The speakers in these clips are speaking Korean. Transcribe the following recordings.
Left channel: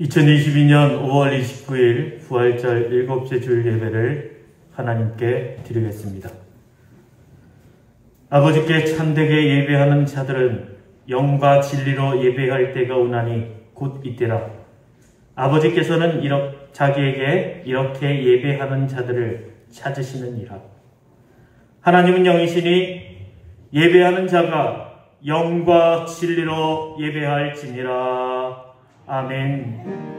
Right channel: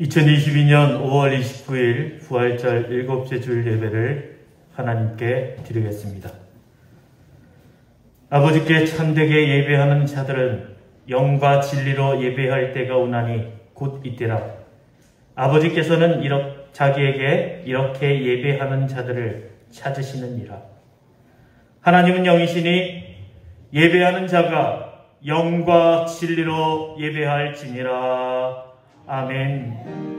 2022년 5월 29일 부활절 7째 주일 예배를 하나님께 드리겠습니다. 아버지께 참되게 예배하는 자들은 영과 진리로 예배할 때가 오나니 곧 이때라. 아버지께서는 자기에게 이렇게 예배하는 자들을 찾으시느니라. 하나님은 영이시니 예배하는 자가 영과 진리로 예배할지니라. 아멘.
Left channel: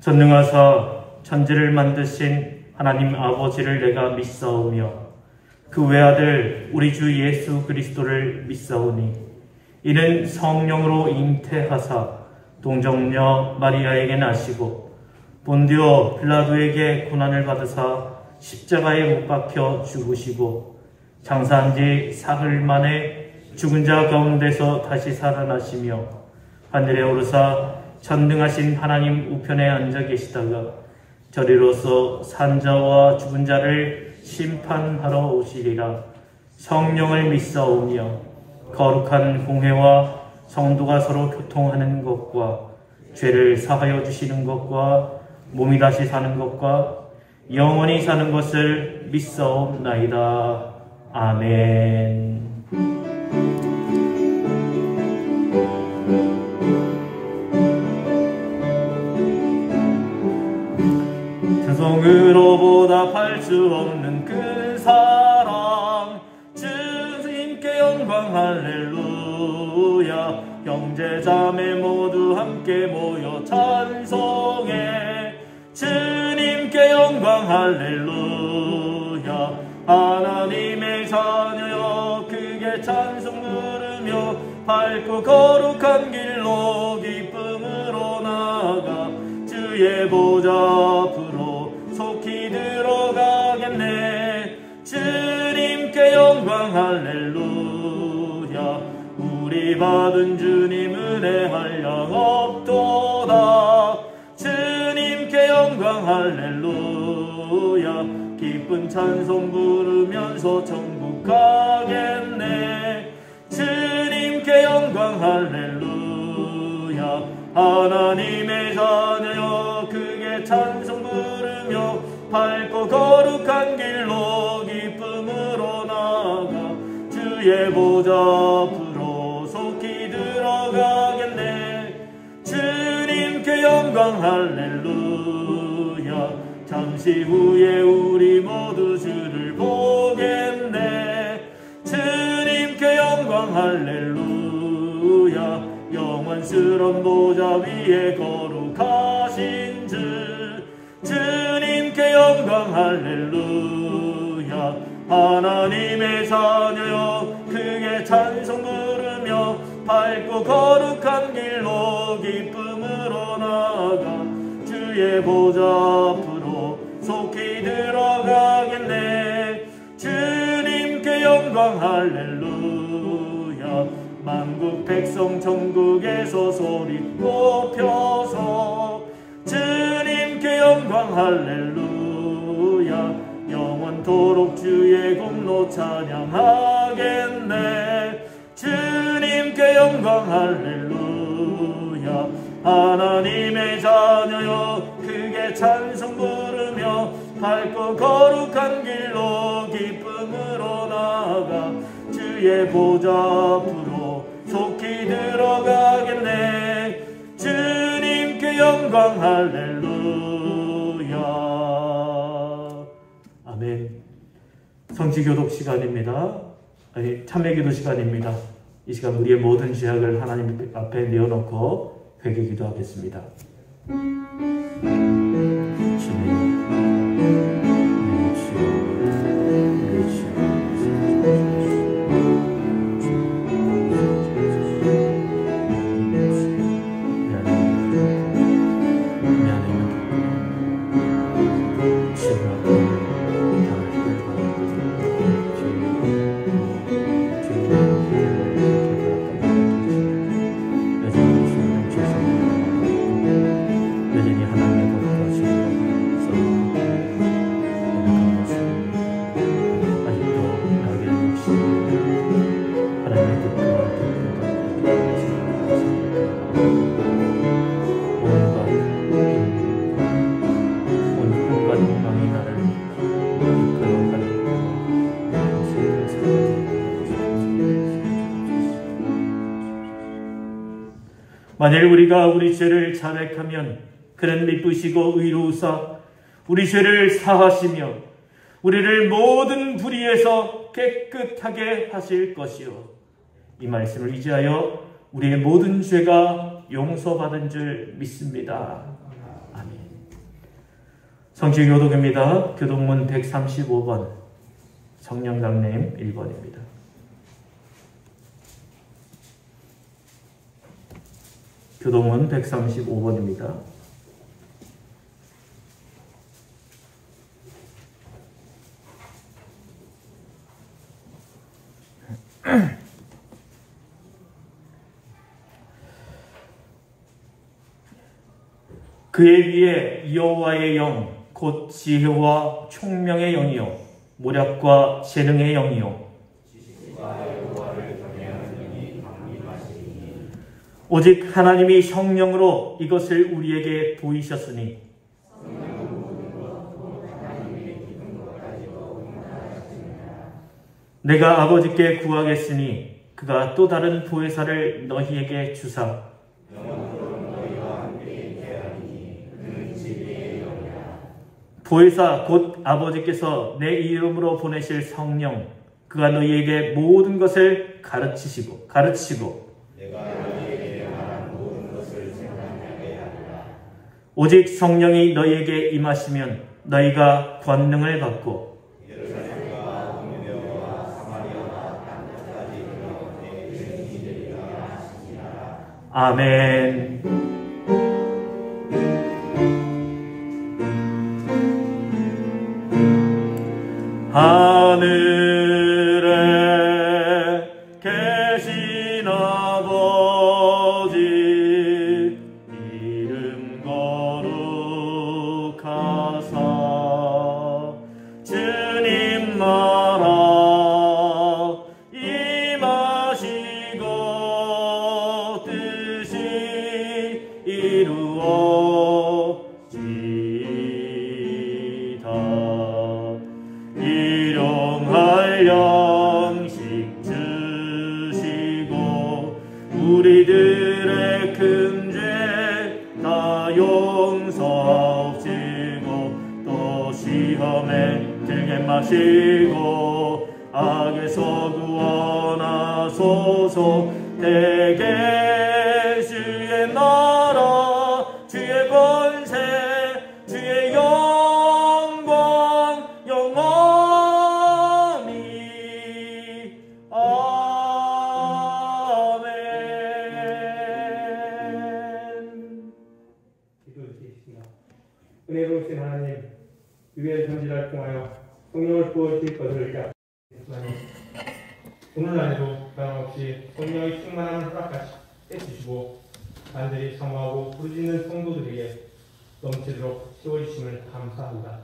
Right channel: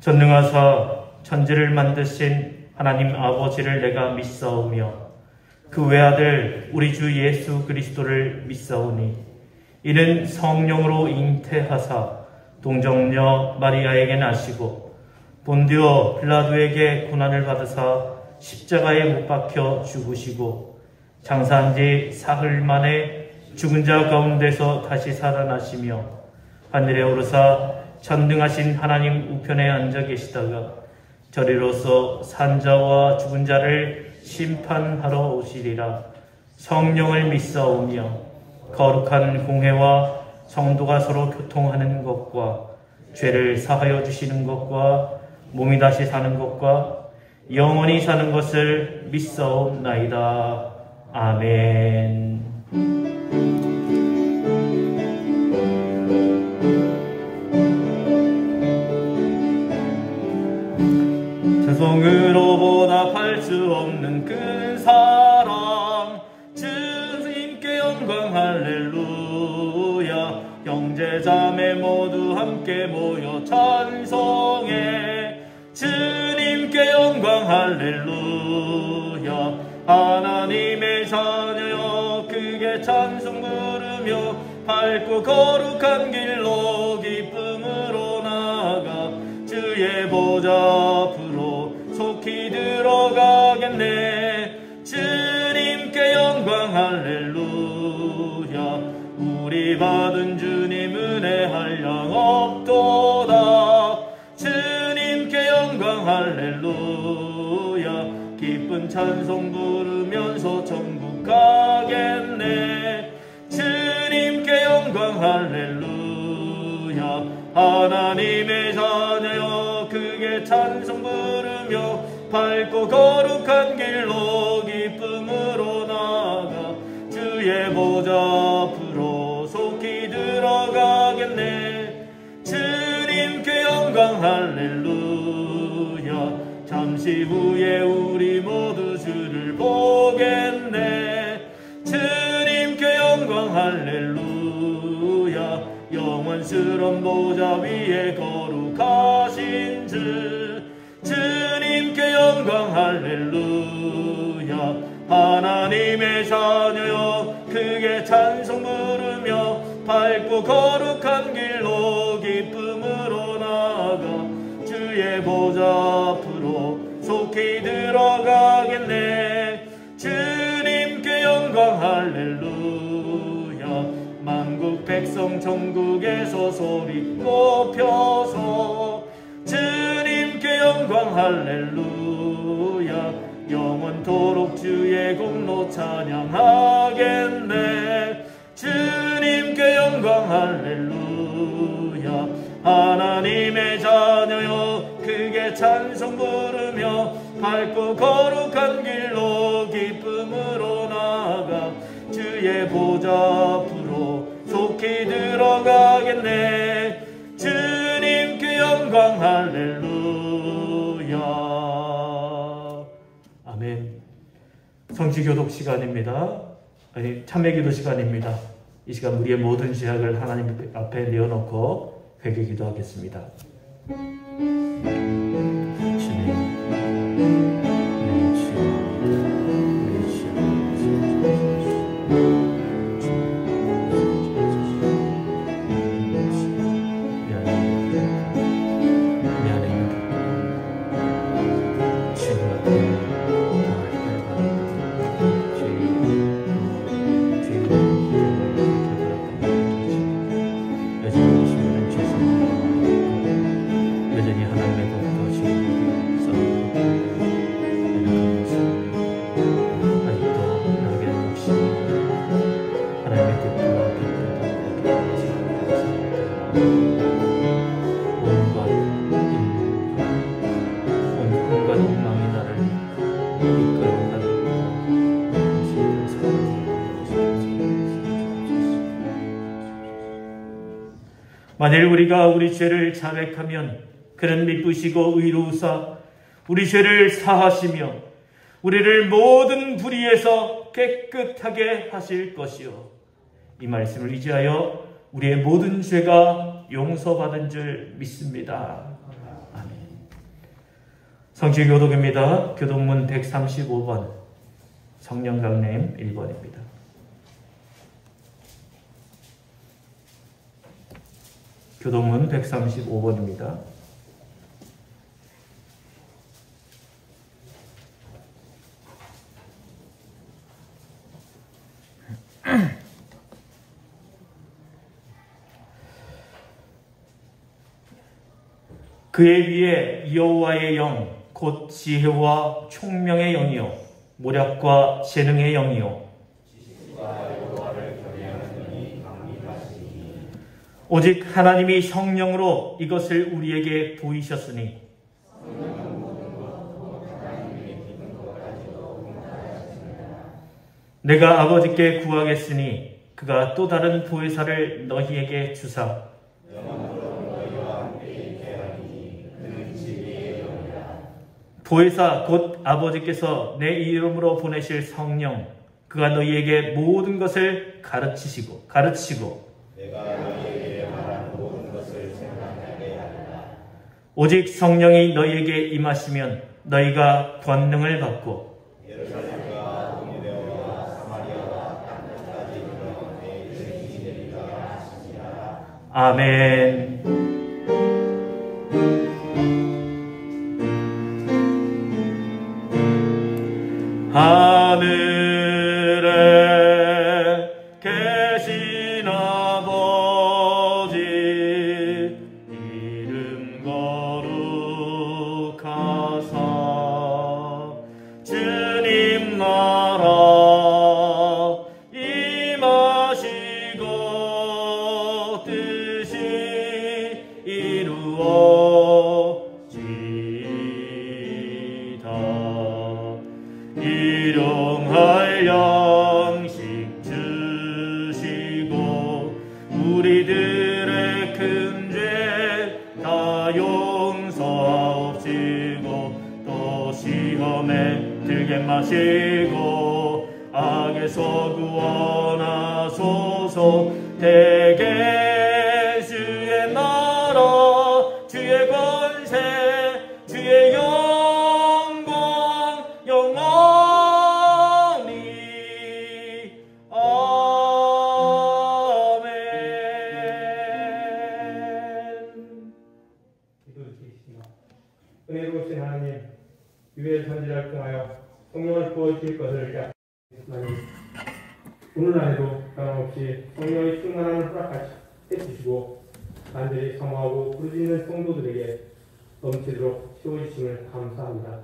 전능하사 천지를 만드신 하나님 아버지를 내가 믿사오며 그 외아들 우리 주 예수 그리스도를 믿사오니 이는 성령으로 잉태하사 동정녀 마리아에게 나시고 본디오 빌라도에게 고난을 받으사 십자가에 못 박혀 죽으시고 장사한 지 사흘 만에 죽은 자 가운데서 다시 살아나시며 하늘에 오르사 전능하신 하나님 우편에 앉아 계시다가 저리로서 산자와 죽은 자를 심판하러 오시리라. 성령을 믿사오며 거룩한 공회와 성도가 서로 교통하는 것과 죄를 사하여 주시는 것과 몸이 다시 사는 것과 영원히 사는 것을 믿사옵나이다. 아멘. 찬송으로 보답할 수 없는 그 사랑 주님께 영광 할렐루야. 형제자매 모두 함께 모여 찬송해 주님께 영광 할렐루야. 하나님의 자녀여 크게 찬송 부르며 밝고 거룩한 길로 기쁨으로 나아가 주의 보좌 앞으로 속히 들어가겠네. 주님께 영광 할렐루야. 우리 받은 주님 은혜 한량 없도다. 주님께 영광 할렐루야. 기쁜 찬송 부르면서 천국 가겠네. 주님께 영광 할렐루야. 하나님의 자녀여 크게 찬송 부르며 밝고 거룩한 길로 기쁨으로 나아가 주의 보좌 앞으로 속히 들어가겠네. 주님께 영광 할렐루야. 잠시 후에 우리 모두 주를 보겠네. 주님께 영광 할렐루야. 영원스런 보좌 위에 거룩하신 주 주님께 영광 할렐루야. 하나님의 자녀여 크게 찬송 부르며 밝고 거룩한 길로 기쁨으로 나아가 주의 보좌 앞으로 속히 들어가겠네. 주님께 영광 할렐루야. 만국 백성 천국에서 소리 높여서 주님께 영광 할렐루야. 영원토록 주의 공로 찬양하겠네. 주님께 영광 할렐루야. 하나님의 자녀여 크게 찬송 부르며 밝고 거룩한 길로 기쁨으로 나아가 주의 보좌 앞으로 속히 들어가겠네. 주님께 영광 할렐루야. 아멘. 성지교독 시간입니다. 참회기도 시간입니다. 이 시간 우리의 모든 죄악을 하나님 앞에 내어놓고 회개 기도하겠습니다. 만일 우리가 우리 죄를 자백하면 그는 미쁘시고 의로우사 우리 죄를 사하시며 우리를 모든 불의에서 깨끗하게 하실 것이요. 이 말씀을 의지하여 우리의 모든 죄가 용서받은 줄 믿습니다. 아멘. 성취교독입니다. 교독문 135번 성령강림 1번입니다. 교독문 135번입니다. 그의 위에 여호와의 영 곧 지혜와 총명의 영이요 모략과 재능의 영이요 오직 하나님이 성령으로 이것을 우리에게 보이셨으니 내가 아버지께 구하겠으니 그가 또 다른 보혜사를 너희에게 주사 보혜사 곧 아버지께서 내 이름으로 보내실 성령 그가 너희에게 모든 것을 가르치시고 오직 성령이 너희에게 임하시면 너희가 권능을 받고 아멘. 하늘에 계신 아버지 이름 거룩하사 주님 나라 임하시고 뜻이 이루어지이다. 일용할 양식 주시고 우리들의 큰 죄 다 용서하시고 또 시험에 들게 마시고 악에서 구원하소서. 대개 주의 나라 주의 권세 주의 영광 영원히 아멘. 기도드리겠습니다. 은혜로우신 하나님, 유의 선지자를 통하여 성령을 부어주실 것을 약속하니 오늘 안에도 변함없이 성령의 충만함을 허락해 주시고 간절히 사모하고 부르짖는 성도들에게 넘치도록 채워주심을 감사합니다.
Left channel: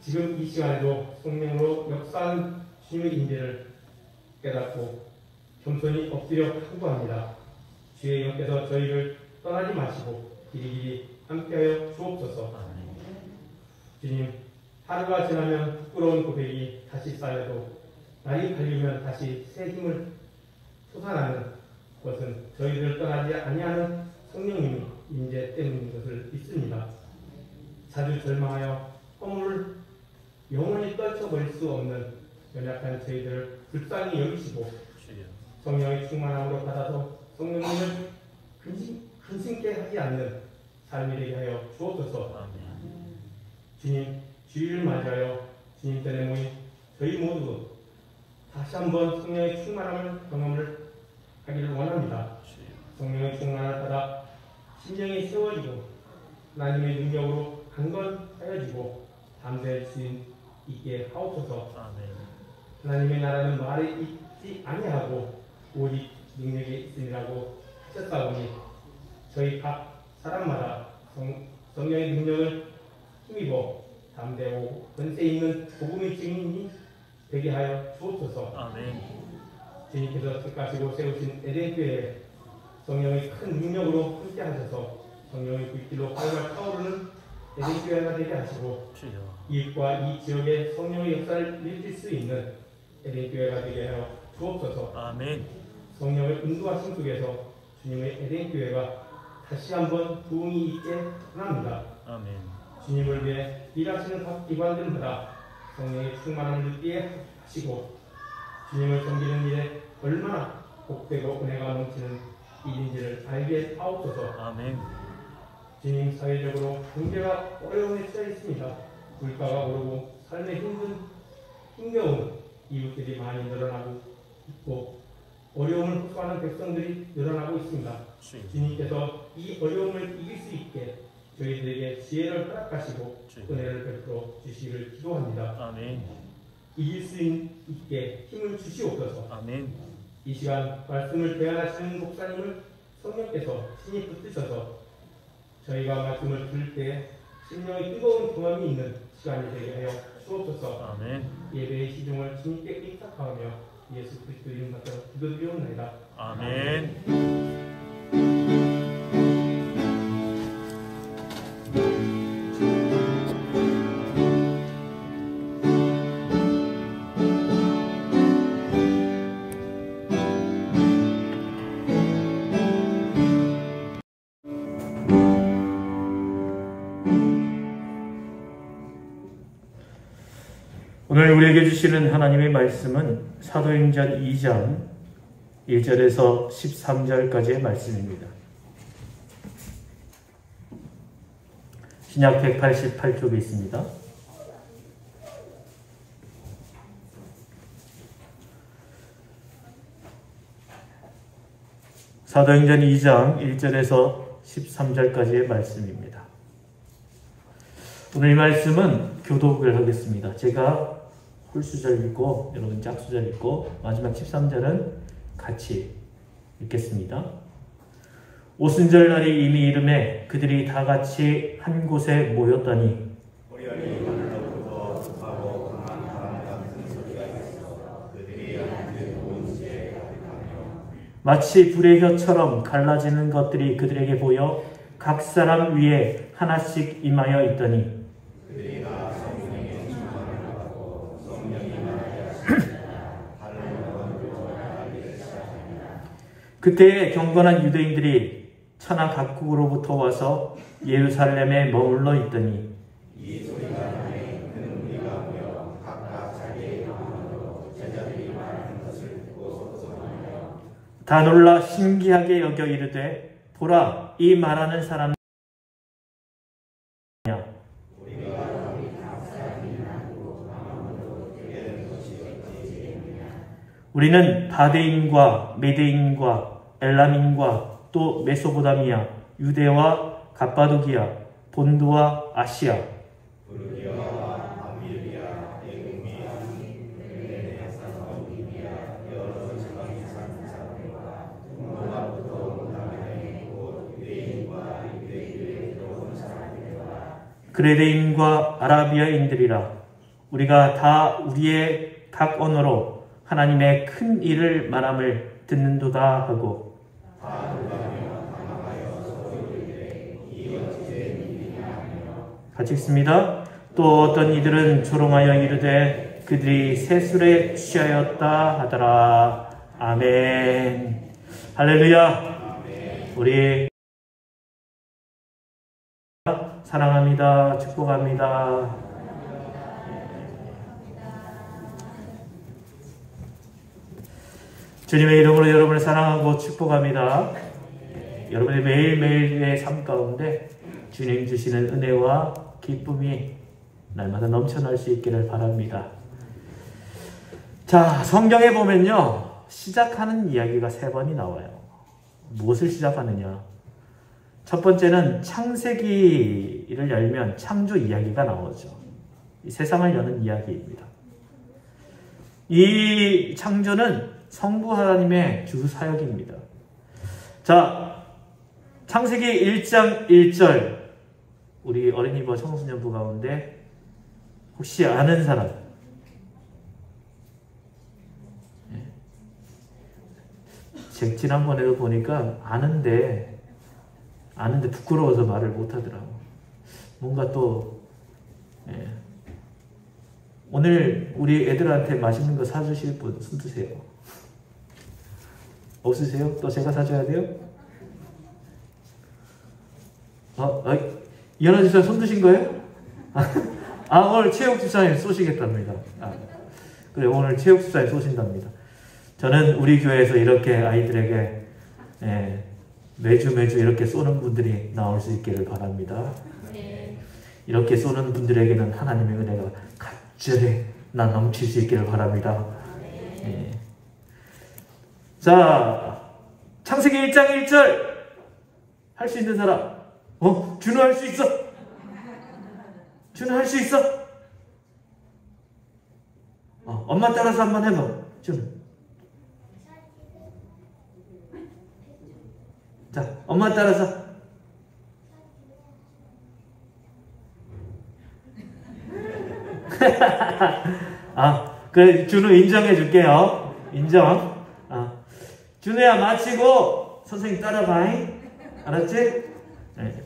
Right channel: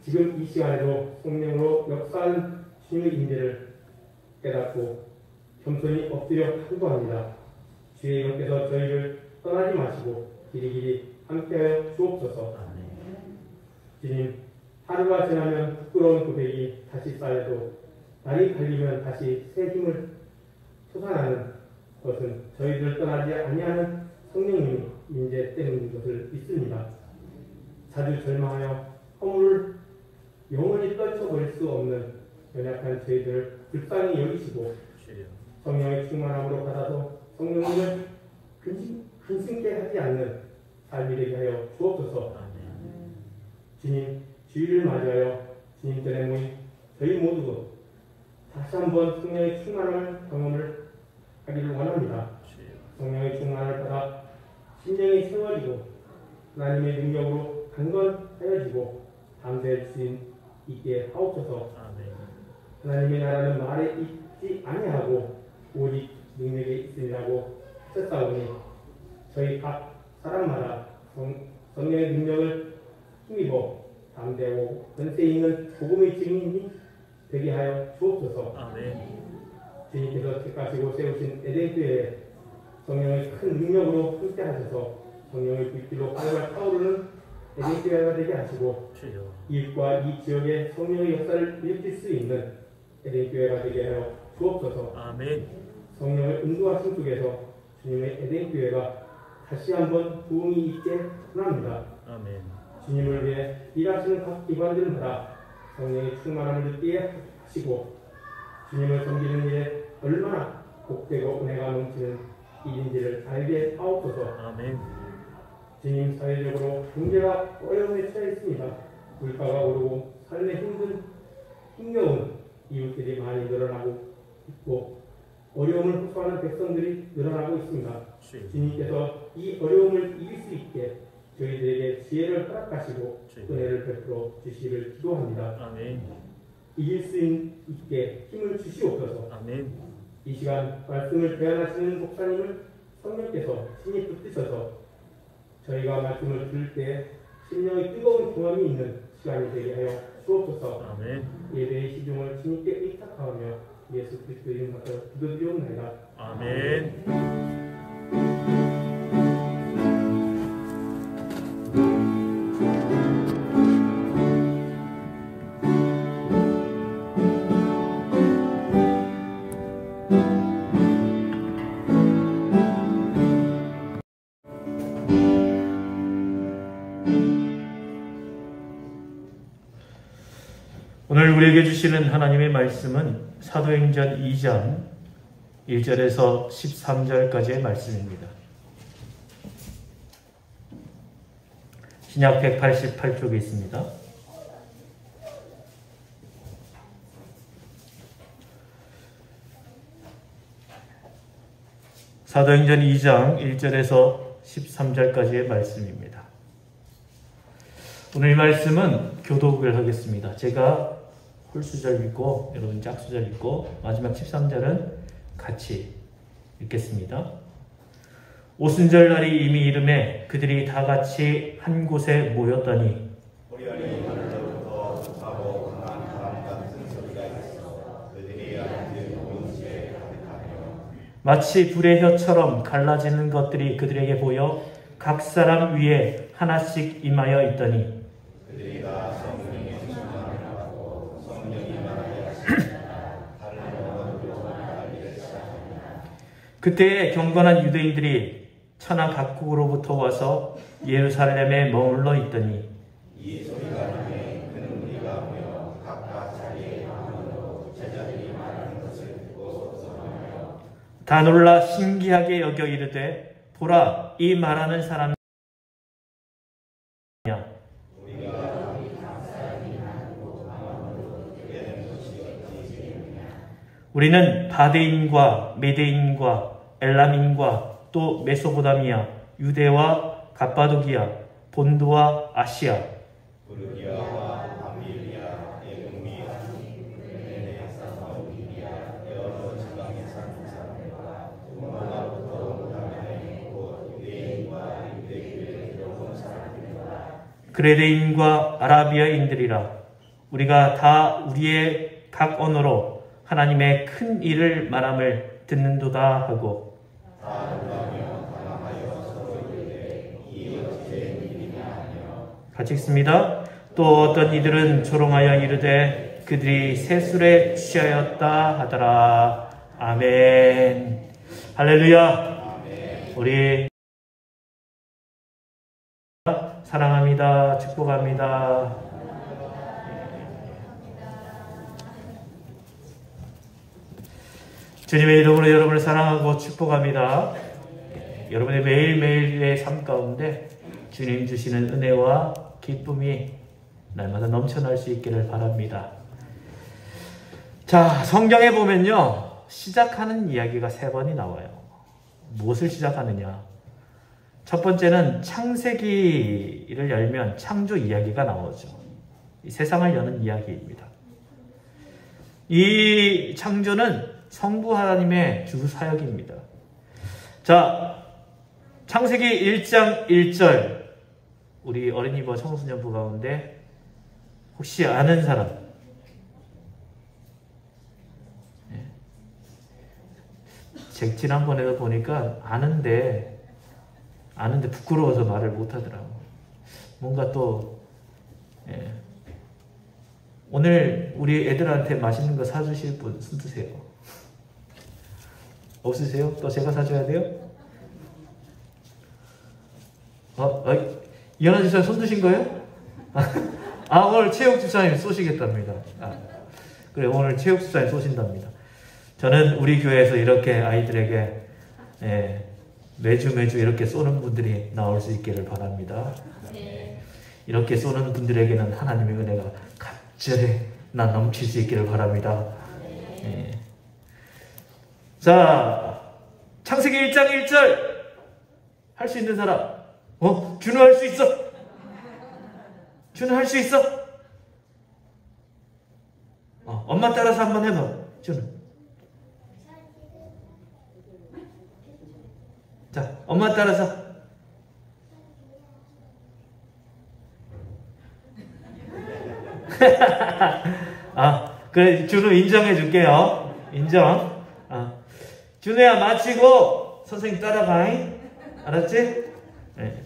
지금 이 시간에도 성령으로 역사하는 주님의 인재를 깨닫고 겸손히 엎드려 간구합니다. 주의 영께서 저희를 떠나지 마시고 길이길이 함께하여 주옵소서. 주님, 하루가 지나면 부끄러운 고백이 다시 쌓여도 날이 갈리면 다시 새 힘을 솟아나는 것은 저희들 떠나지 아니하는 성령님의 인재 때문인 것을 믿습니다. 자주 절망하여 허물을 영원히 떨쳐버릴 수 없는 연약한 저희들을 불쌍히 여기시고 성령의 충만함으로 받아서 성령님을 근심케 하지 않는 삶이 되게 하여 주옵소서. 주님, 주일을 맞이하여 주님 전에 모인 저희 모두 다시 한번 성령의 충만함을 경험을 하기를 원합니다. 성령의 충만함을 받아 심령이 세워지고 하나님의 능력으로 강건하여지고 담대할 수 있게 하옵소서. 하나님의 나라는 말에 있지 아니하고 오직 능력에 있으리라고 하셨사오니 저희 각 사람마다 성령의 능력을 힘입어 담대하고 권세 있는 복음의 증인이 되게 하여 주옵소서. 주님께서 택하시고 세우신 에덴교회에 성령의 큰 능력으로 함께 하셔서 성령의 불길로 활활 타오르는 에덴교회가 되게 하시고 이웃과 이 지역에 성령의 역사를 일으킬 수 있는 에덴교회가 되게 하여 주옵소서. 성령의 인도하심 속에서 주님의 에덴 교회가 다시 한번 부흥이 있게 원합니다. 아멘. 주님을 위해 일하시는 각 기관들마다 성령의 충만함을 느끼게 하시고 주님을 섬기는 일에 얼마나 복되고 은혜가 넘치는 일인지를 알게 하옵소서. 아멘. 주님, 사회적으로 경제가 어려움에 처해 있습니다. 물가가 오르고 삶의 힘겨운 이웃들이 많이 늘어나고 있고 어려움을 호소하는 백성들이 늘어나고 있습니다. 주님께서 이 어려움을 이길 수 있게 저희들에게 지혜를 허락하시고 은혜를 베풀어 주시기를 기도합니다. 아멘. 이길 수 있게 힘을 주시옵소서. 아멘. 이 시간 말씀을 대안하시는 목사님을 성령께서 친히 붙드셔서 저희가 말씀을 들을 때 심령의 뜨거운 경험이 있는 시간이 되게 하여 주옵소서. 아멘. 예배의 시중을 주님께 의탁하며 예수 그리스도 이름으로 기도드리옵나이다. 아멘. 오늘 우리에게 주시는 하나님의 말씀은 사도행전 2장 1절에서 13절까지의 말씀입니다. 신약 188쪽에 있습니다. 사도행전 2장 1절에서 13절까지의 말씀입니다. 오늘 이 말씀은 교독을 하겠습니다. 제가 홀수절 읽고 여러분 짝수절 읽고 마지막 13절은 같이 읽겠습니다. 오순절 날이 이미 이름에 그들이 다 같이 한 곳에 모였더니 마치 불의 혀처럼 갈라지는 것들이 그들에게 보여 각 사람 위에 하나씩 임하여 있더니 그때에 경건한 유대인들이 천하 각국으로부터 와서 예루살렘에 머물러 있더니 다 놀라 신기하게 여겨 이르되 보라 이 말하는 사람이냐 우리는 바데인과 메데인과 엘람인과 또 메소포타미아, 유대와 갑바도기아, 본두와 아시아, 그레데인과 아라비아인들이라 우리가 다 우리의 각 언어로 하나님의 큰 일을 말함을 듣는도다 하고 같이 읽습니다. 또 어떤 이들은 조롱하여 이르되 그들이 세술에 취하였다 하더라. 아멘. 할렐루야. 우리 사랑합니다. 축복합니다. 주님의 이름으로 여러분을 사랑하고 축복합니다. 여러분의 매일매일의 삶 가운데 주님 주시는 은혜와 기쁨이 날마다 넘쳐날 수 있기를 바랍니다. 자, 성경에 보면요, 시작하는 이야기가 3번이 나와요. 무엇을 시작하느냐? 첫 번째는 창세기를 열면 창조 이야기가 나오죠. 이 세상을 여는 이야기입니다. 이 창조는 성부 하나님의 주 사역입니다. 자, 창세기 1장 1절 우리 어린이와 청소년부 가운데 혹시 아는 사람? 네. 지난번에도 보니까 아는데 부끄러워서 말을 못하더라고. 뭔가 또 오늘 우리 애들한테 맛있는 거 사주실 분 손 드세요. 없으세요? 또 제가 사줘야 돼요? 이현아 집사님 손 드신 거예요? 오늘 체육 집사님 쏘시겠답니다. 그래, 오늘 체육 집사님 쏘신답니다. 저는 우리 교회에서 이렇게 아이들에게 매주 이렇게 쏘는 분들이 나올 수 있기를 바랍니다. 이렇게 쏘는 분들에게는 하나님의 은혜가 간절히 넘칠 수 있기를 바랍니다. 자, 창세기 1장 1절 할 수 있는 사람. 준우 할 수 있어? 준우 할 수 있어? 엄마 따라서 한번 해봐. 준우. 자, 엄마 따라서. 그래, 준우 인정해 줄게요. 인정. 준우야, 마치고 선생님 따라가. 알았지? 네.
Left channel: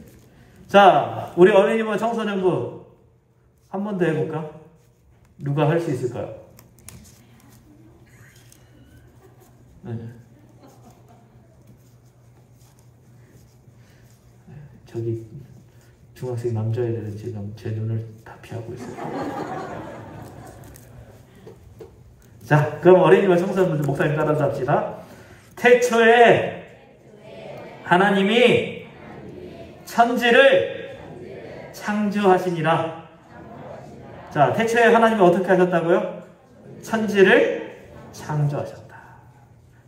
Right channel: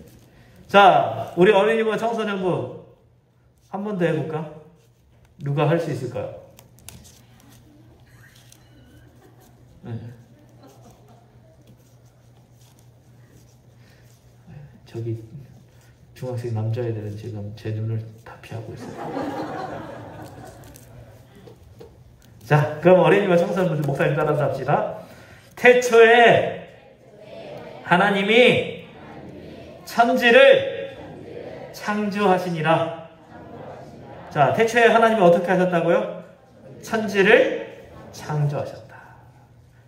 자, 우리 어린이와 청소년부 한 번 더 해볼까? 누가 할 수 있을까요? 저기 중학생 남자애들은 지금 제 눈을 다 피하고 있어요. 자, 그럼 어린이와 청소년들 목사님 따라서 합시다. 태초에 하나님이 천지를 창조하시니라. 자, 태초에 하나님이 어떻게 하셨다고요? 천지를 창조하셨다.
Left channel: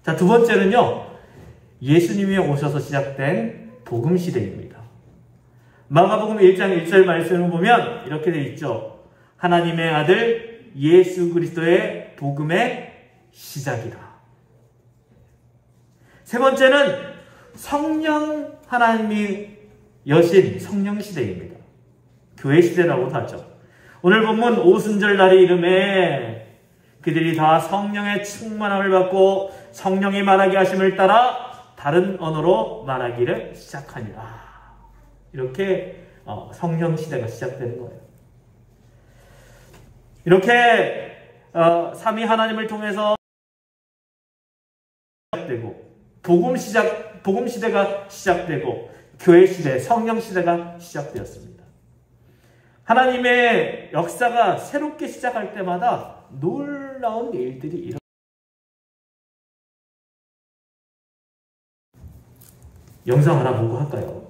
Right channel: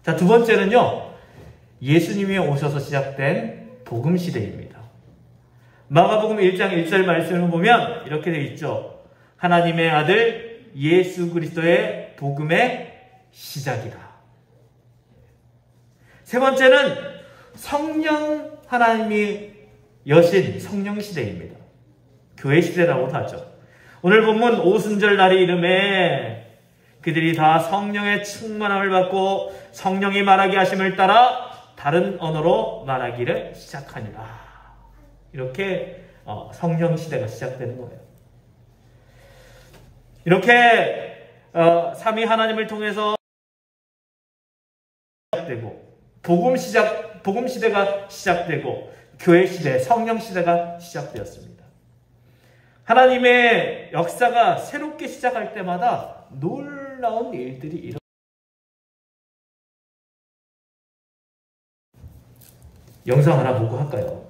자, 두 번째는요, 예수님이 오셔서 시작된 복음시대입니다. 마가복음 1장 1절 말씀을 보면 이렇게 되어 있죠. 하나님의 아들 예수 그리스도의 복음의 시작이다. 세 번째는 성령 하나님이 여신 성령 시대입니다. 교회 시대라고도 하죠. 오늘 본문 오순절 날의 이름에 그들이 다 성령의 충만함을 받고 성령이 말하게 하심을 따라 다른 언어로 말하기를 시작하니라. 이렇게 성령 시대가 시작되는 거예요. 이렇게 삼위 하나님을 통해서 시작되고 복음 시대가 시작되고 교회 시대, 성령 시대가 시작되었습니다. 하나님의 역사가 새롭게 시작할 때마다 놀라운 일들이 일어납니다. 영상 하나 보고 할까요?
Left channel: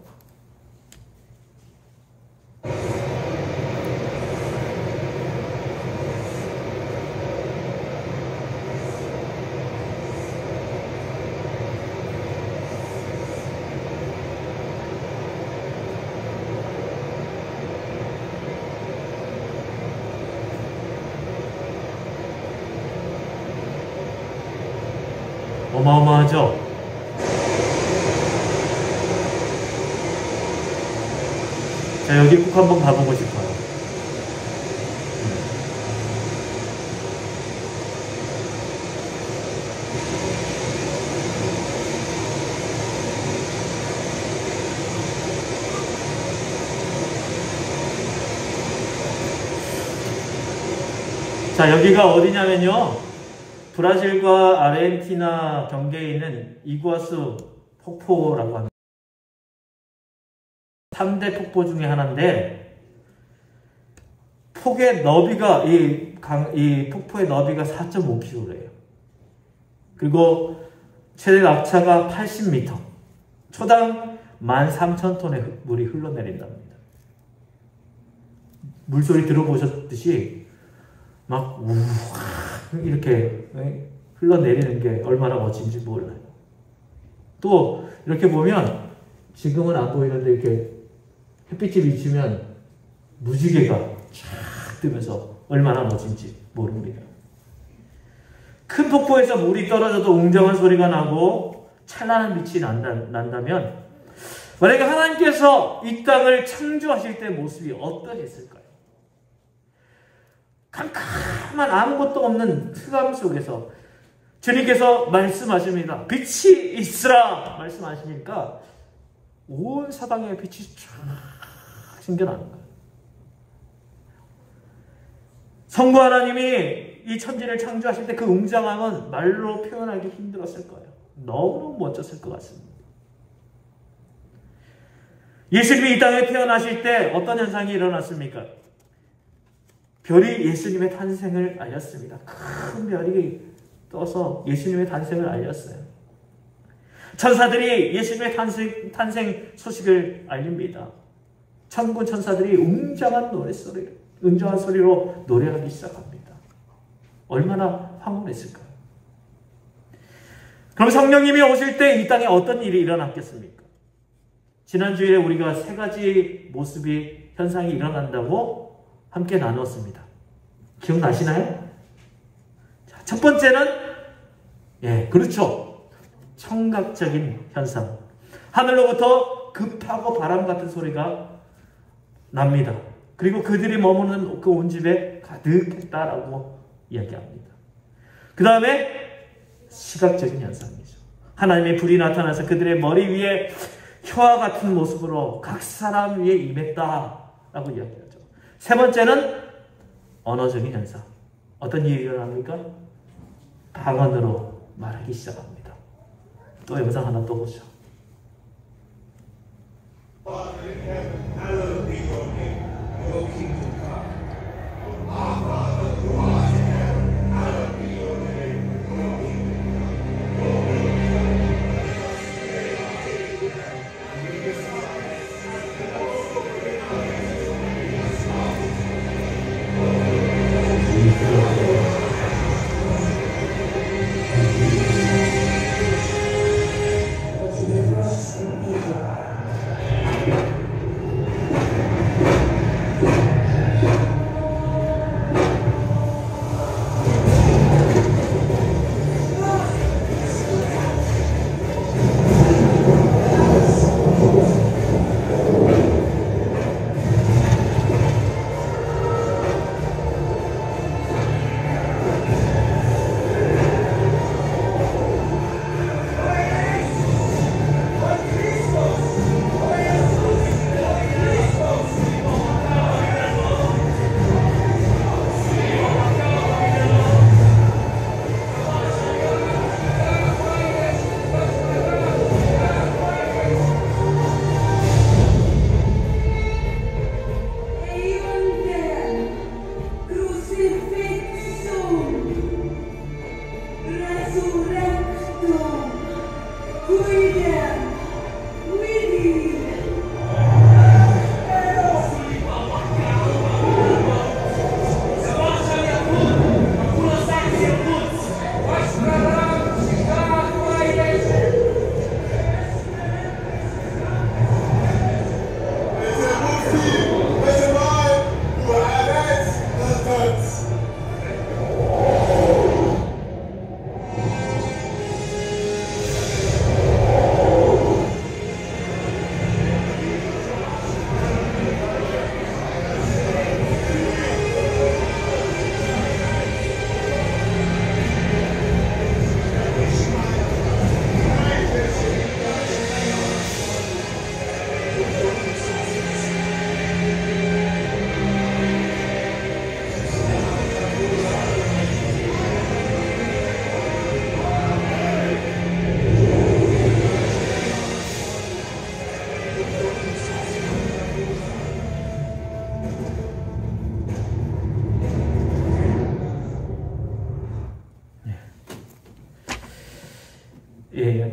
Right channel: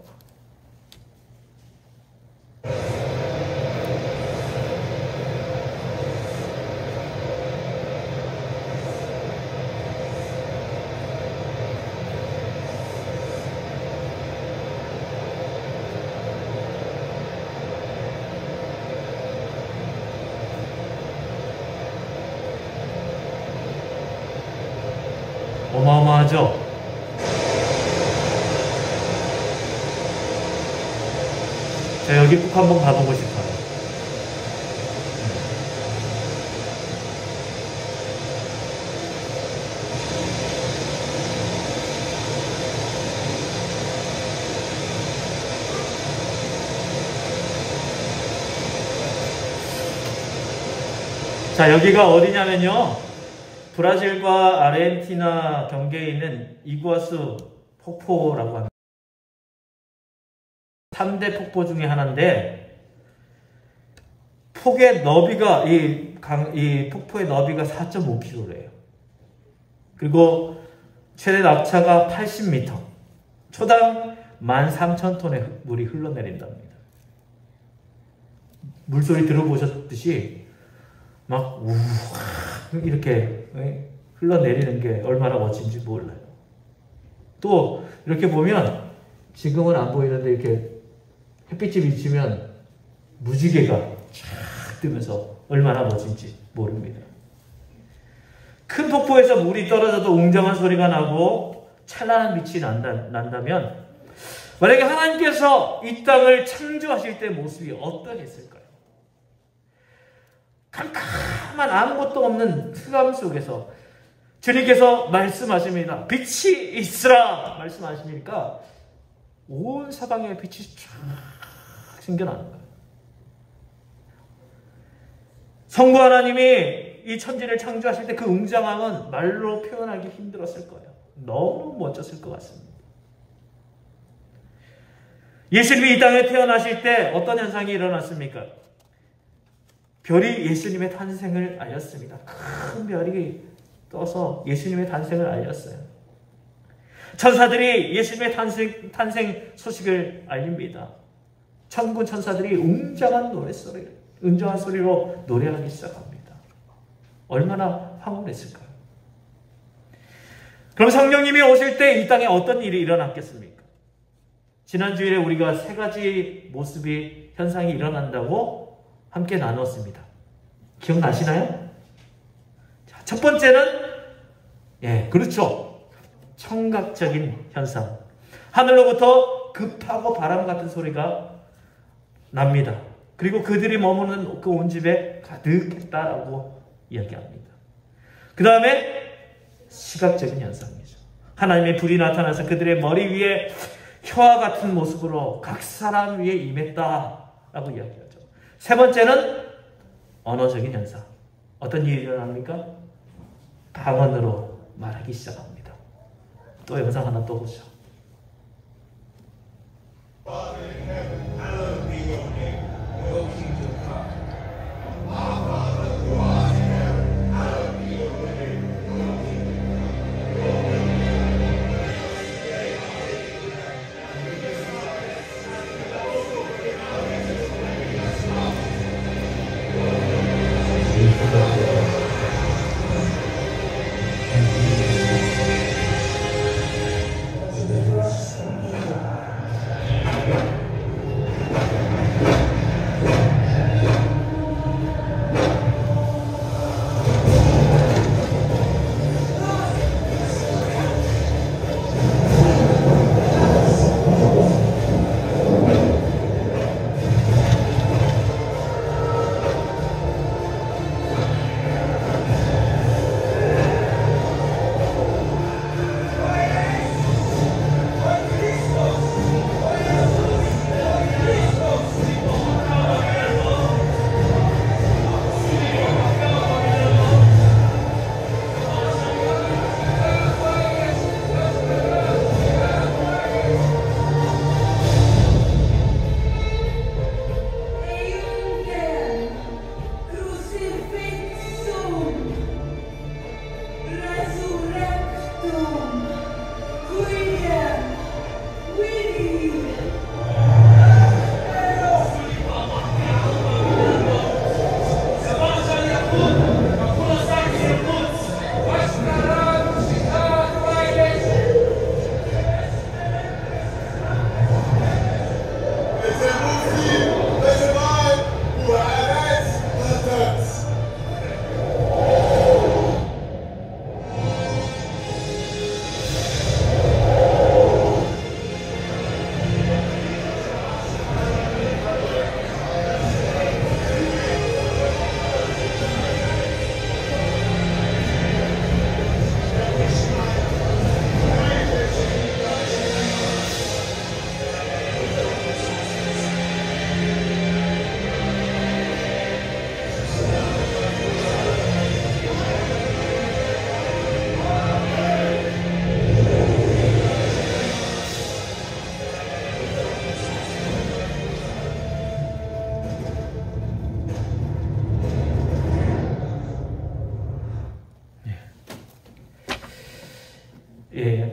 어마어마하죠? 여기 꼭 한번 가보고 싶어요. 자, 여기가 어디냐면요, 브라질과 아르헨티나 경계에 있는 이구아수 폭포라고 합니다. 3대 폭포 중에 하나인데, 폭의 너비가, 이 폭포의 너비가 4.5km래요. 그리고 최대 낙차가 80m. 초당 13,000톤의 물이 흘러내린답니다. 물소리 들어보셨듯이 막 우와 이렇게 흘러내리는 게 얼마나 멋진지 몰라요. 또 이렇게 보면 지금은 안 보이는데 이렇게 햇빛이 비치면 무지개가 쫙 뜨면서 얼마나 멋진지 모릅니다. 큰 폭포에서 물이 떨어져도 웅장한 소리가 나고 찬란한 빛이 난다면 만약에 하나님께서 이 땅을 창조하실 때 모습이 어떠했을까요? 캄캄한 아무것도 없는 흑암 속에서 주님께서 말씀하십니다. 빛이 있으라 말씀하시니까 온 사방에 빛이 쫙 생겨나는 거예요. 성부 하나님이 이 천지를 창조하실 때 그 웅장함은 말로 표현하기 힘들었을 거예요. 너무 멋졌을 것 같습니다. 예수님이 이 땅에 태어나실 때 어떤 현상이 일어났습니까? 별이 예수님의 탄생을 알렸습니다. 큰 별이 떠서 예수님의 탄생을 알렸어요. 천사들이 예수님의 탄생 소식을 알립니다. 천군 천사들이 웅장한 소리로 노래하기 시작합니다. 얼마나 황홀했을까요? 그럼 성령님이 오실 때 이 땅에 어떤 일이 일어났겠습니까? 지난주에 우리가 세 가지 현상이 일어난다고 함께 나눴습니다. 기억나시나요? 자, 첫 번째는, 그렇죠. 청각적인 현상. 하늘로부터 급하고 바람 같은 소리가 납니다. 그리고 그들이 머무는 그 온 집에 가득했다라고 이야기합니다. 그 다음에 시각적인 현상이죠. 하나님의 불이 나타나서 그들의 머리 위에 혀와 같은 모습으로 각 사람 위에 임했다라고 이야기하죠. 세 번째는 언어적인 현상. 어떤 일이 일어납니까? 방언으로 말하기 시작합니다. 또 영상 하나 또 보죠.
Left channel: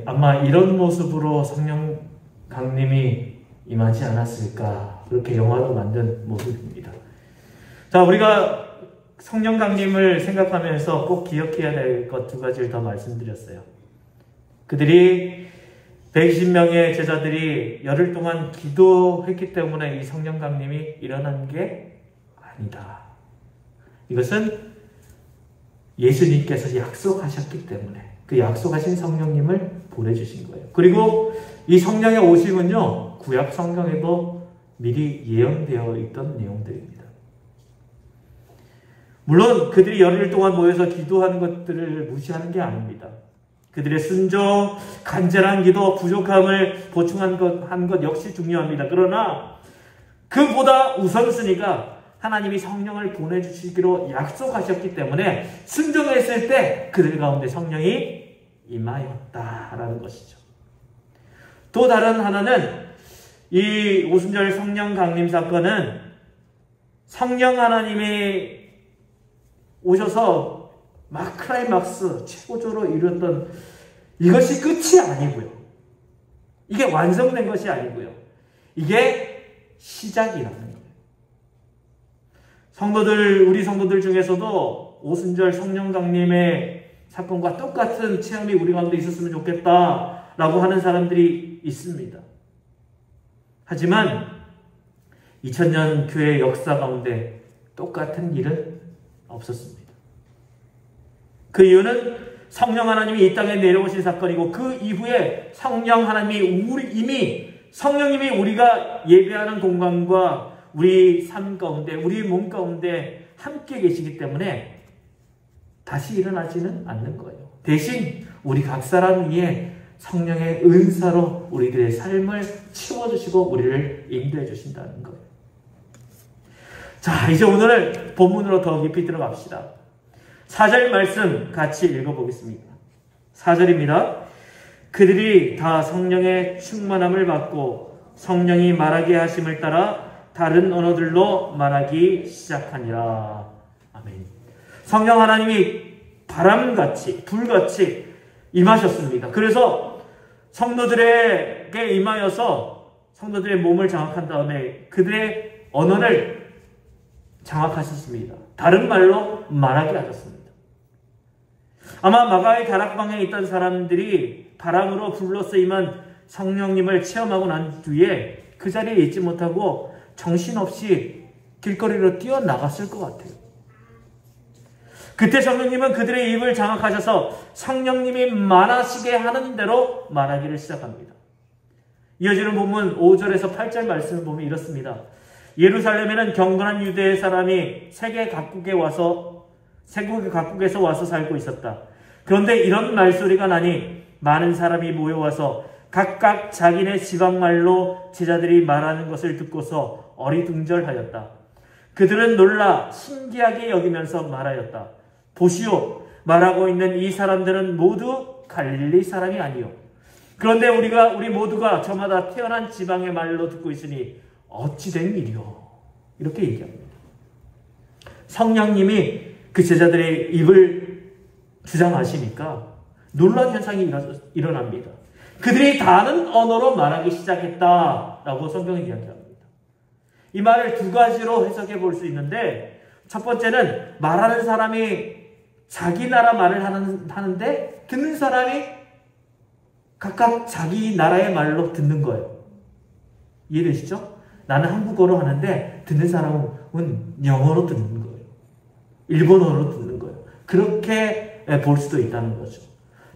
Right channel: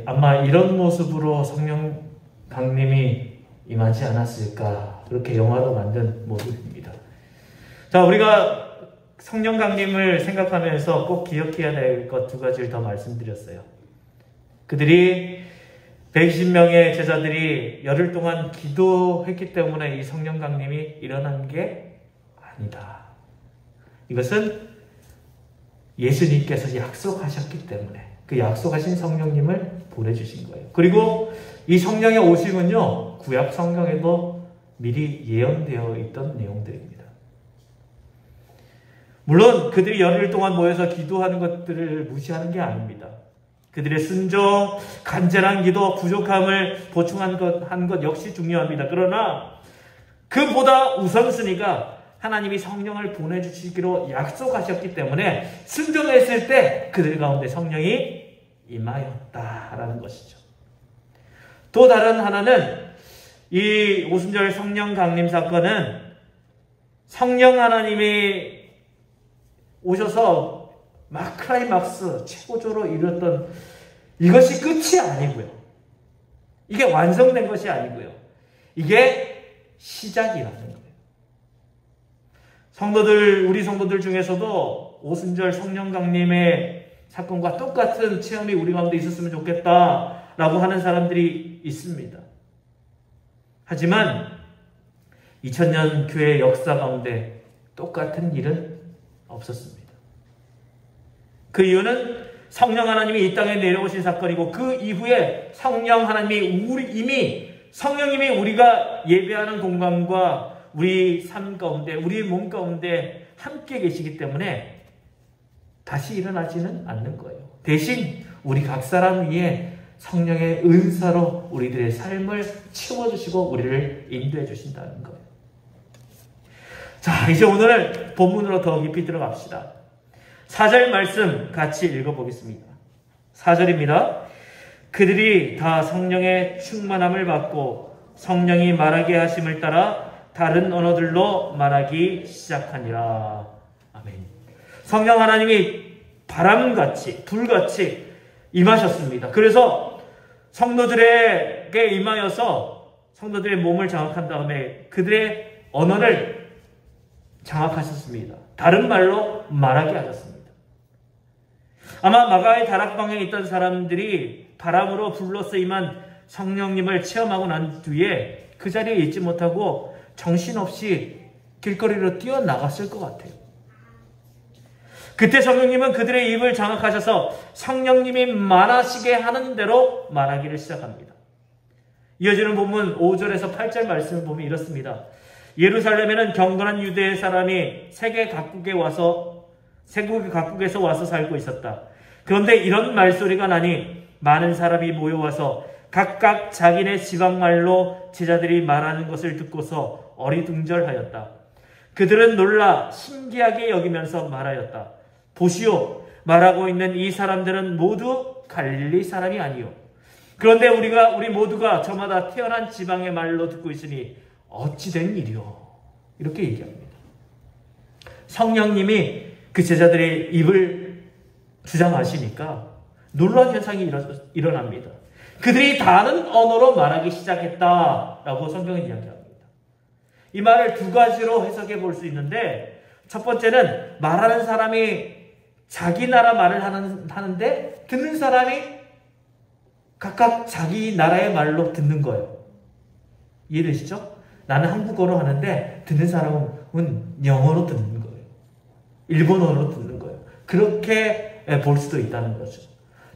아마 이런 모습으로 성령 강림이 임하지 않았을까, 그렇게 영화로 만든 모습입니다. 자, 우리가 성령 강림을 생각하면서 꼭 기억해야 될 것 두 가지를 더 말씀드렸어요. 그들이 120명의 제자들이 열흘 동안 기도했기 때문에 이 성령 강림이 일어난 게 아니다. 이것은 예수님께서 약속하셨기 때문에 그 약속하신 성령님을 보내주신 거예요. 그리고 이 성령의 오심은요, 구약 성경에도 미리 예언되어 있던 내용들입니다. 물론 그들이 열흘 동안 모여서 기도하는 것들을 무시하는 게 아닙니다. 그들의 순종, 간절한 기도, 부족함을 보충한 것 역시 중요합니다. 그러나 그보다 우선순위가 하나님이 성령을 보내주시기로 약속하셨기 때문에 순종했을 때 그들 가운데 성령이 임하였다라는 것이죠. 또 다른 하나는 이 오순절 성령 강림 사건은 성령 하나님이 오셔서 마크라이막스 최고조로 이뤘던 이것이 끝이 아니고요. 이게 완성된 것이 아니고요. 이게 시작이라는 거예요. 우리 성도들 중에서도 오순절 성령 강림의 사건과 똑같은 체험이 우리 가운데 있었으면 좋겠다라고 하는 사람들이 있습니다. 하지만 2000년 교회 역사 가운데 똑같은 일은 없었습니다. 그 이유는 성령 하나님이 이 땅에 내려오신 사건이고 그 이후에 성령 하나님이 성령님이 우리가 예배하는 공간과 우리 삶 가운데 우리 몸 가운데 함께 계시기 때문에 다시 일어나지는 않는 거예요. 대신 우리 각 사람 위에 성령의 은사로 우리들의 삶을 채워주시고 우리를 인도해 주신다는 거예요. 자, 이제 오늘 본문으로 더 깊이 들어갑시다. 4절 말씀 같이 읽어보겠습니다. 4절입니다. 그들이 다 성령의 충만함을 받고 성령이 말하게 하심을 따라 다른 언어들로 말하기 시작하니라. 아멘. 성령 하나님이 바람같이 불같이 임하셨습니다. 그래서 성도들에게 임하여서 성도들의 몸을 장악한 다음에 그들의 언어를 장악하셨습니다. 다른 말로 말하게 하셨습니다. 아마 마가의 다락방에 있던 사람들이 바람으로 불로써 임한 성령님을 체험하고 난 뒤에 그 자리에 있지 못하고 정신없이 길거리로 뛰어나갔을 것 같아요. 그때 성령님은 그들의 입을 장악하셔서 성령님이 말하시게 하는 대로 말하기를 시작합니다. 이어지는 본문 5절에서 8절 말씀을 보면 이렇습니다. 예루살렘에는 경건한 유대 사람이 세계 각국에서 와서 살고 있었다. 그런데 이런 말소리가 나니 많은 사람이 모여와서 각각 자기네 지방말로 제자들이 말하는 것을 듣고서 어리둥절하였다. 그들은 놀라 신기하게 여기면서 말하였다. 보시오, 말하고 있는 이 사람들은 모두 갈릴리 사람이 아니요. 그런데 우리 모두가 저마다 태어난 지방의 말로 듣고 있으니 어찌된 일이요. 이렇게 얘기합니다. 성령님이 그 제자들의 입을 주장하시니까 놀라운 현상이 일어납니다. 그들이 다른 언어로 말하기 시작했다라고 성경은 이야기합니다. 이 말을 두 가지로 해석해 볼 수 있는데 첫 번째는 말하는 사람이 자기 나라 말을 하는데 듣는 사람이 각각 자기 나라의 말로 듣는 거예요. 이해되시죠? 나는 한국어로 하는데 듣는 사람은 영어로 듣는 거예요. 일본어로 듣는 거예요. 그렇게 볼 수도 있다는 거죠.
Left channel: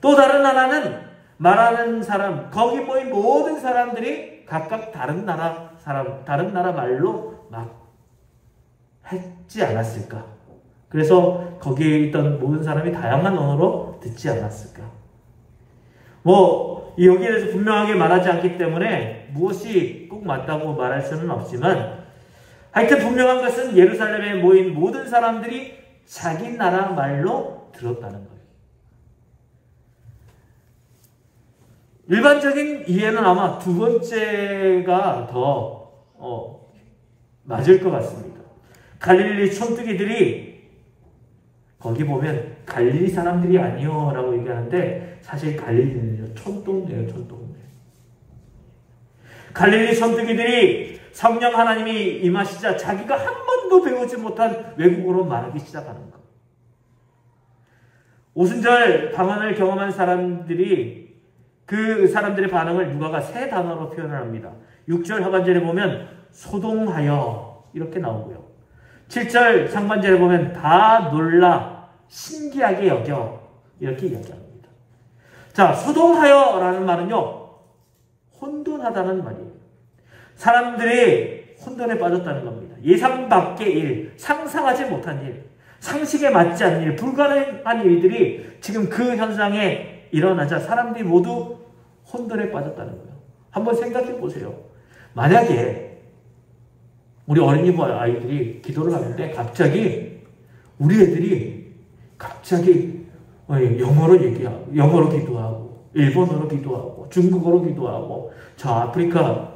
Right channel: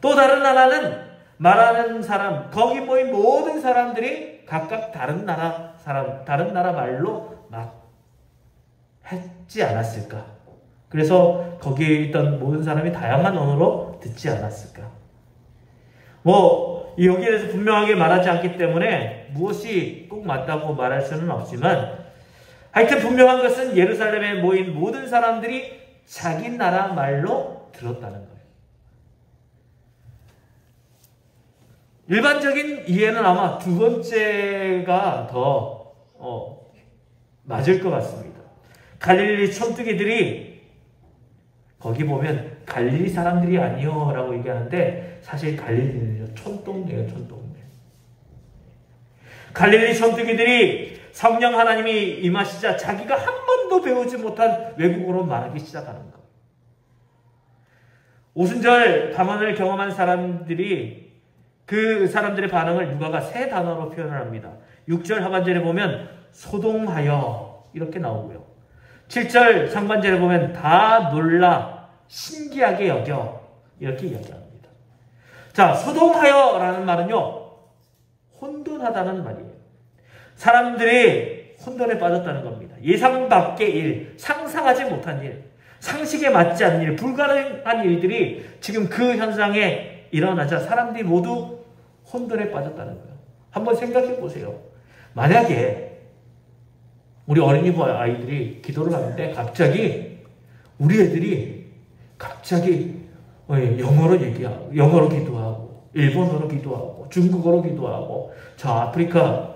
또 다른 하나는 말하는 사람, 거기 모인 모든 사람들이 각각 다른 나라 말로 막 했지 않았을까? 그래서 거기에 있던 모든 사람이 다양한 언어로 듣지 않았을까? 여기에 대해서 분명하게 말하지 않기 때문에 무엇이 꼭 맞다고 말할 수는 없지만 하여튼 분명한 것은 예루살렘에 모인 모든 사람들이 자기 나라 말로 들었다는 거예요. 일반적인 이해는 아마 두 번째가 더 맞을 것 같습니다. 갈릴리 촌뜨기들이 거기 보면 갈릴리 사람들이 아니요 라고 얘기하는데 사실 갈릴리는 촌동네예요. 촌동네. 갈릴리 촌뜨기들이 성령 하나님이 임하시자 자기가 한 번도 배우지 못한 외국어로 말하기 시작하는 거예요. 오순절 방언을 경험한 사람들이 그 사람들의 반응을 누가가 세 단어로 표현을 합니다. 6절 하반절에 보면 소동하여 이렇게 나오고요. 7절 상반절에 보면 다 놀라 신기하게 여겨 이렇게 이야기합니다. 자, 소동하여라는 말은요, 혼돈하다는 말이에요. 사람들이 혼돈에 빠졌다는 겁니다. 예상 밖의 일, 상상하지 못한 일, 상식에 맞지 않는 일, 불가능한 일들이 지금 그 현상에 일어나자 사람들이 모두 혼돈에 빠졌다는 거예요. 한번 생각해 보세요. 만약에 우리 어린이부 아이들이 기도를 하는데 갑자기 우리 애들이 갑자기 영어로 기도하고 일본어로 기도하고 중국어로 기도하고 저 아프리카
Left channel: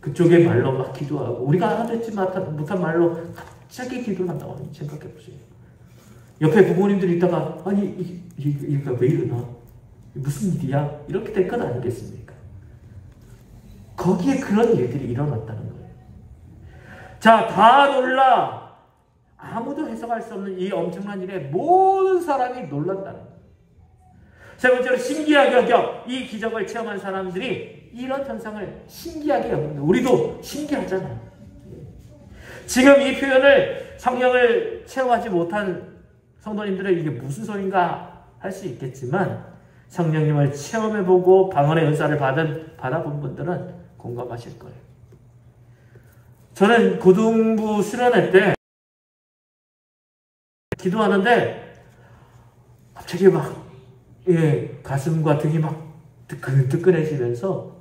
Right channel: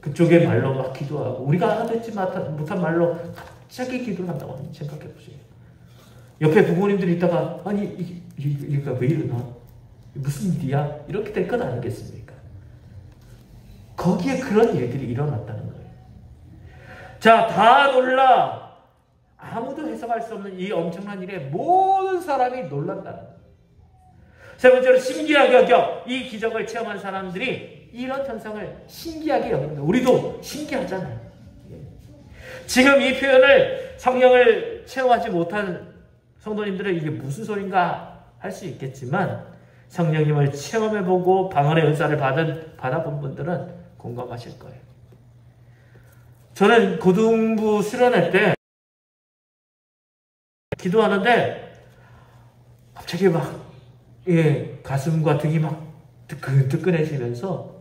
그쪽의 말로 막 기도하고 우리가 알아듣지 못한 말로 갑자기 기도를 한다고 생각해 보세요. 옆에 부모님들이 있다가 아니 이게 왜 이러나? 무슨 일이야? 이렇게 될 건 아니겠습니까? 거기에 그런 일들이 일어났다는 거예요. 자, 다 놀라. 아무도 해석할 수 없는 이 엄청난 일에 모든 사람이 놀랐다는 거예요. 세 번째로 신기하게 여겨 이 기적을 체험한 사람들이 이런 현상을 신기하게 여깁니다. 우리도 신기하잖아요. 지금 이 표현을 성령을 체험하지 못한 성도님들은 이게 무슨 소린가 할 수 있겠지만 성령님을 체험해보고 방언의 은사를 받아본 분들은 공감하실 거예요. 저는 고등부 수련회 때 기도하는데 갑자기 막 가슴과 등이 막 뜨끈뜨끈해지면서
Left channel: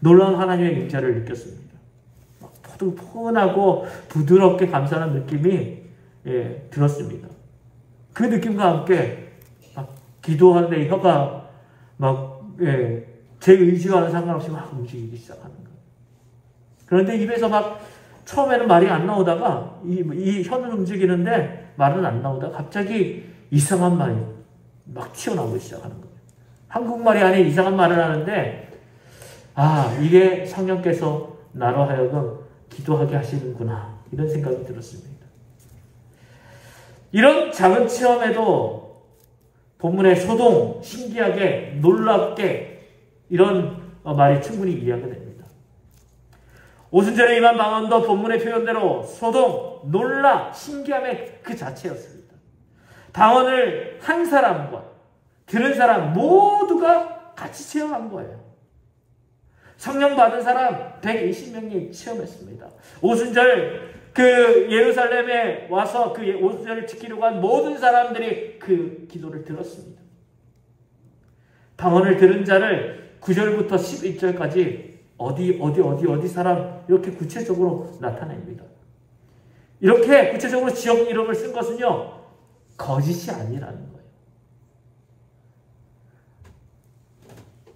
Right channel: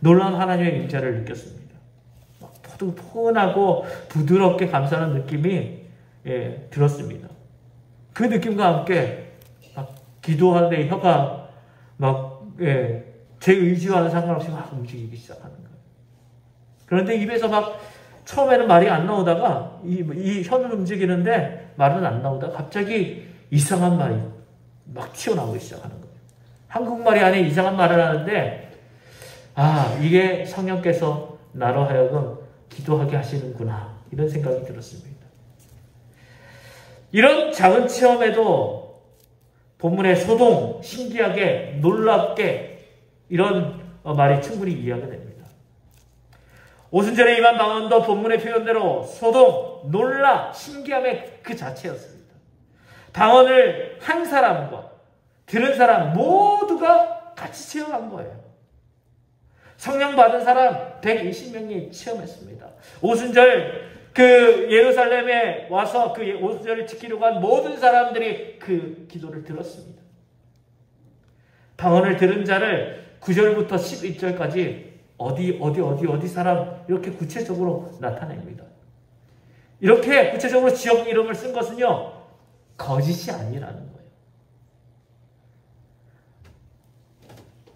놀라운 하나님의 임재를 느꼈습니다. 포근하고 부드럽게 감사하는 느낌이 들었습니다. 그 느낌과 함께 막 기도하는데 혀가 막 제 의지와는 상관없이 막 움직이기 시작하는 거예요. 그런데 입에서 막 처음에는 말이 안 나오다가 이 혀는 움직이는데 말은 안 나오다가 갑자기 이상한 말이 막 튀어나오기 시작하는 거예요. 한국말이 아닌 이상한 말을 하는데 이게 성령께서 나로 하여금 기도하게 하시는구나 이런 생각이 들었습니다. 이런 작은 체험에도 본문의 소동, 신기하게, 놀랍게 이런 말이 충분히 이해가 됩니다. 오순절에 임한 방언도 본문의 표현대로 소동, 놀라, 신기함의 그 자체였습니다. 방언을 한 사람과 들은 사람 모두가 같이 체험한 거예요. 성령 받은 사람 120명이 체험했습니다. 오순절 예루살렘에 와서 그 오순절을 지키려고 한 모든 사람들이 그 기도를 들었습니다. 방언을 들은 자를 9절부터 11절까지 어디 사람 이렇게 구체적으로 나타냅니다. 이렇게 구체적으로 지역 이름을 쓴 것은요, 거짓이 아니라는 거예요.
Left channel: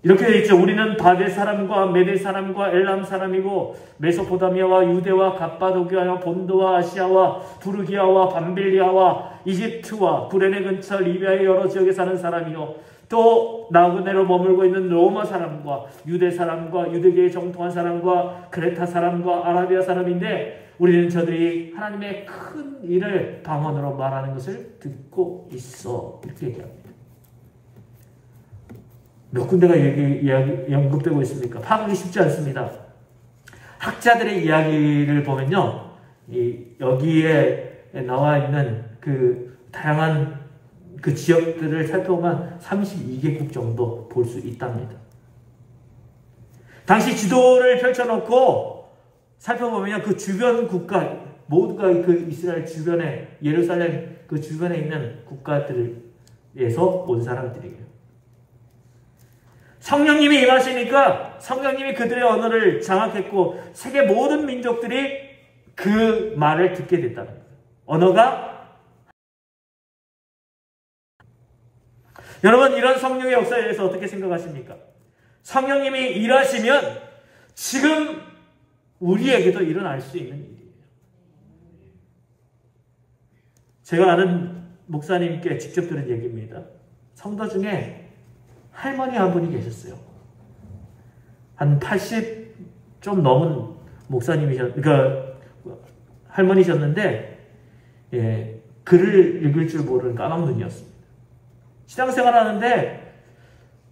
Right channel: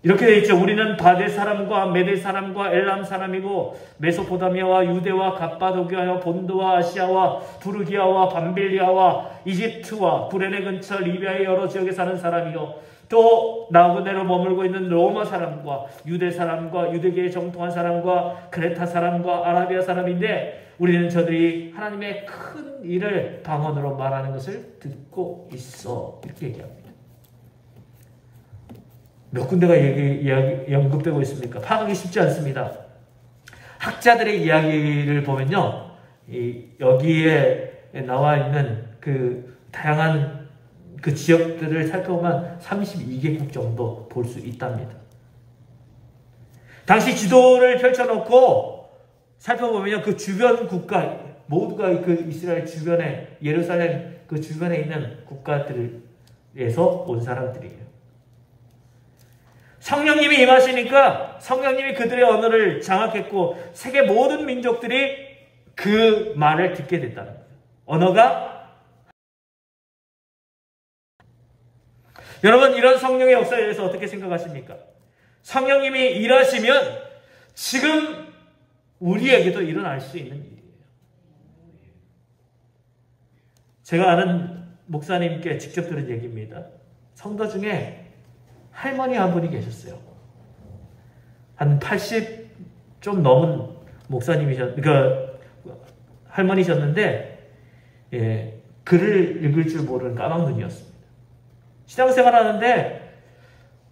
이렇게 되어 있죠. 우리는 바데 사람과 메데 사람과 엘람 사람이고 메소포타미아와 유대와 갑바도기아와 본도와 아시아와 부르기아와 밤빌리아와 이집트와 구레네 근처 리비아의 여러 지역에 사는 사람이요, 또 나그네로 머물고 있는 로마 사람과 유대 사람과 유대계에 정통한 사람과 크레타 사람과 아라비아 사람인데 우리는 저들이 하나님의 큰 일을 방언으로 말하는 것을 듣고 있어. 이렇게 얘기합니다. 몇 군데가 언급되고 있습니까? 파악하기 쉽지 않습니다. 학자들의 이야기를 보면요, 여기에 나와 있는 그 다양한 그 지역들을 살펴보면 32개국 정도 볼 수 있답니다. 당시 지도를 펼쳐놓고 살펴보면 그 주변 국가 모두가 그 이스라엘 주변에, 예루살렘 그 주변에 있는 국가들에서 온 사람들이에요. 성령님이 임하시니까 성령님이 그들의 언어를 장악했고 세계 모든 민족들이 그 말을 듣게 됐다는 거예요. 언어가, 여러분, 이런 성령의 역사에 대해서 어떻게 생각하십니까? 성령님이 일하시면 지금 우리에게도 일어날 수 있는 일이에요. 제가 아는 목사님께 직접 들은 얘기입니다. 성도 중에 할머니 한 분이 계셨어요. 한 80 좀 넘은 그러니까 할머니셨는데, 글을 읽을 줄 모르는 까막눈이었습니다. 신앙생활 하는데,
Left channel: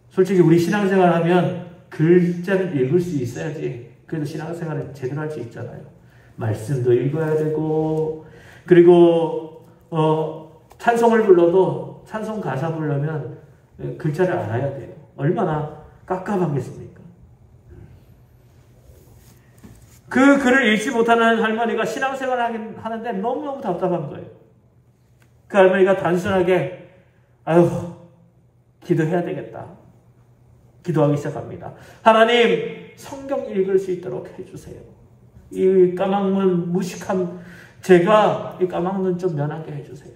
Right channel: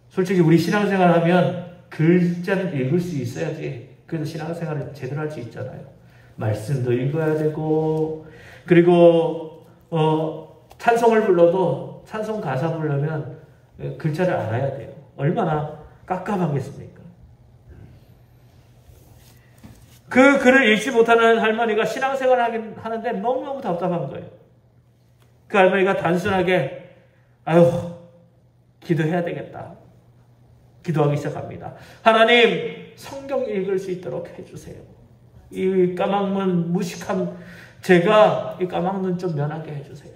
솔직히 우리 신앙생활 하면 글자는 읽을 수 있어야지 그래서 신앙생활을 제대로 할 수 있잖아요. 말씀도 읽어야 되고, 그리고 찬송을 불러도 찬송 가사 부르려면 글자를 알아야 돼요. 얼마나 깝깝하겠습니까? 그 글을 읽지 못하는 할머니가 신앙생활을 하는데 너무너무 답답한 거예요. 그 할머니가 단순하게 기도해야 되겠다. 기도하기 시작합니다. 하나님, 성경 읽을 수 있도록 해주세요. 이 까막눈, 무식한 제가 이 까막눈 좀 면하게 해주세요.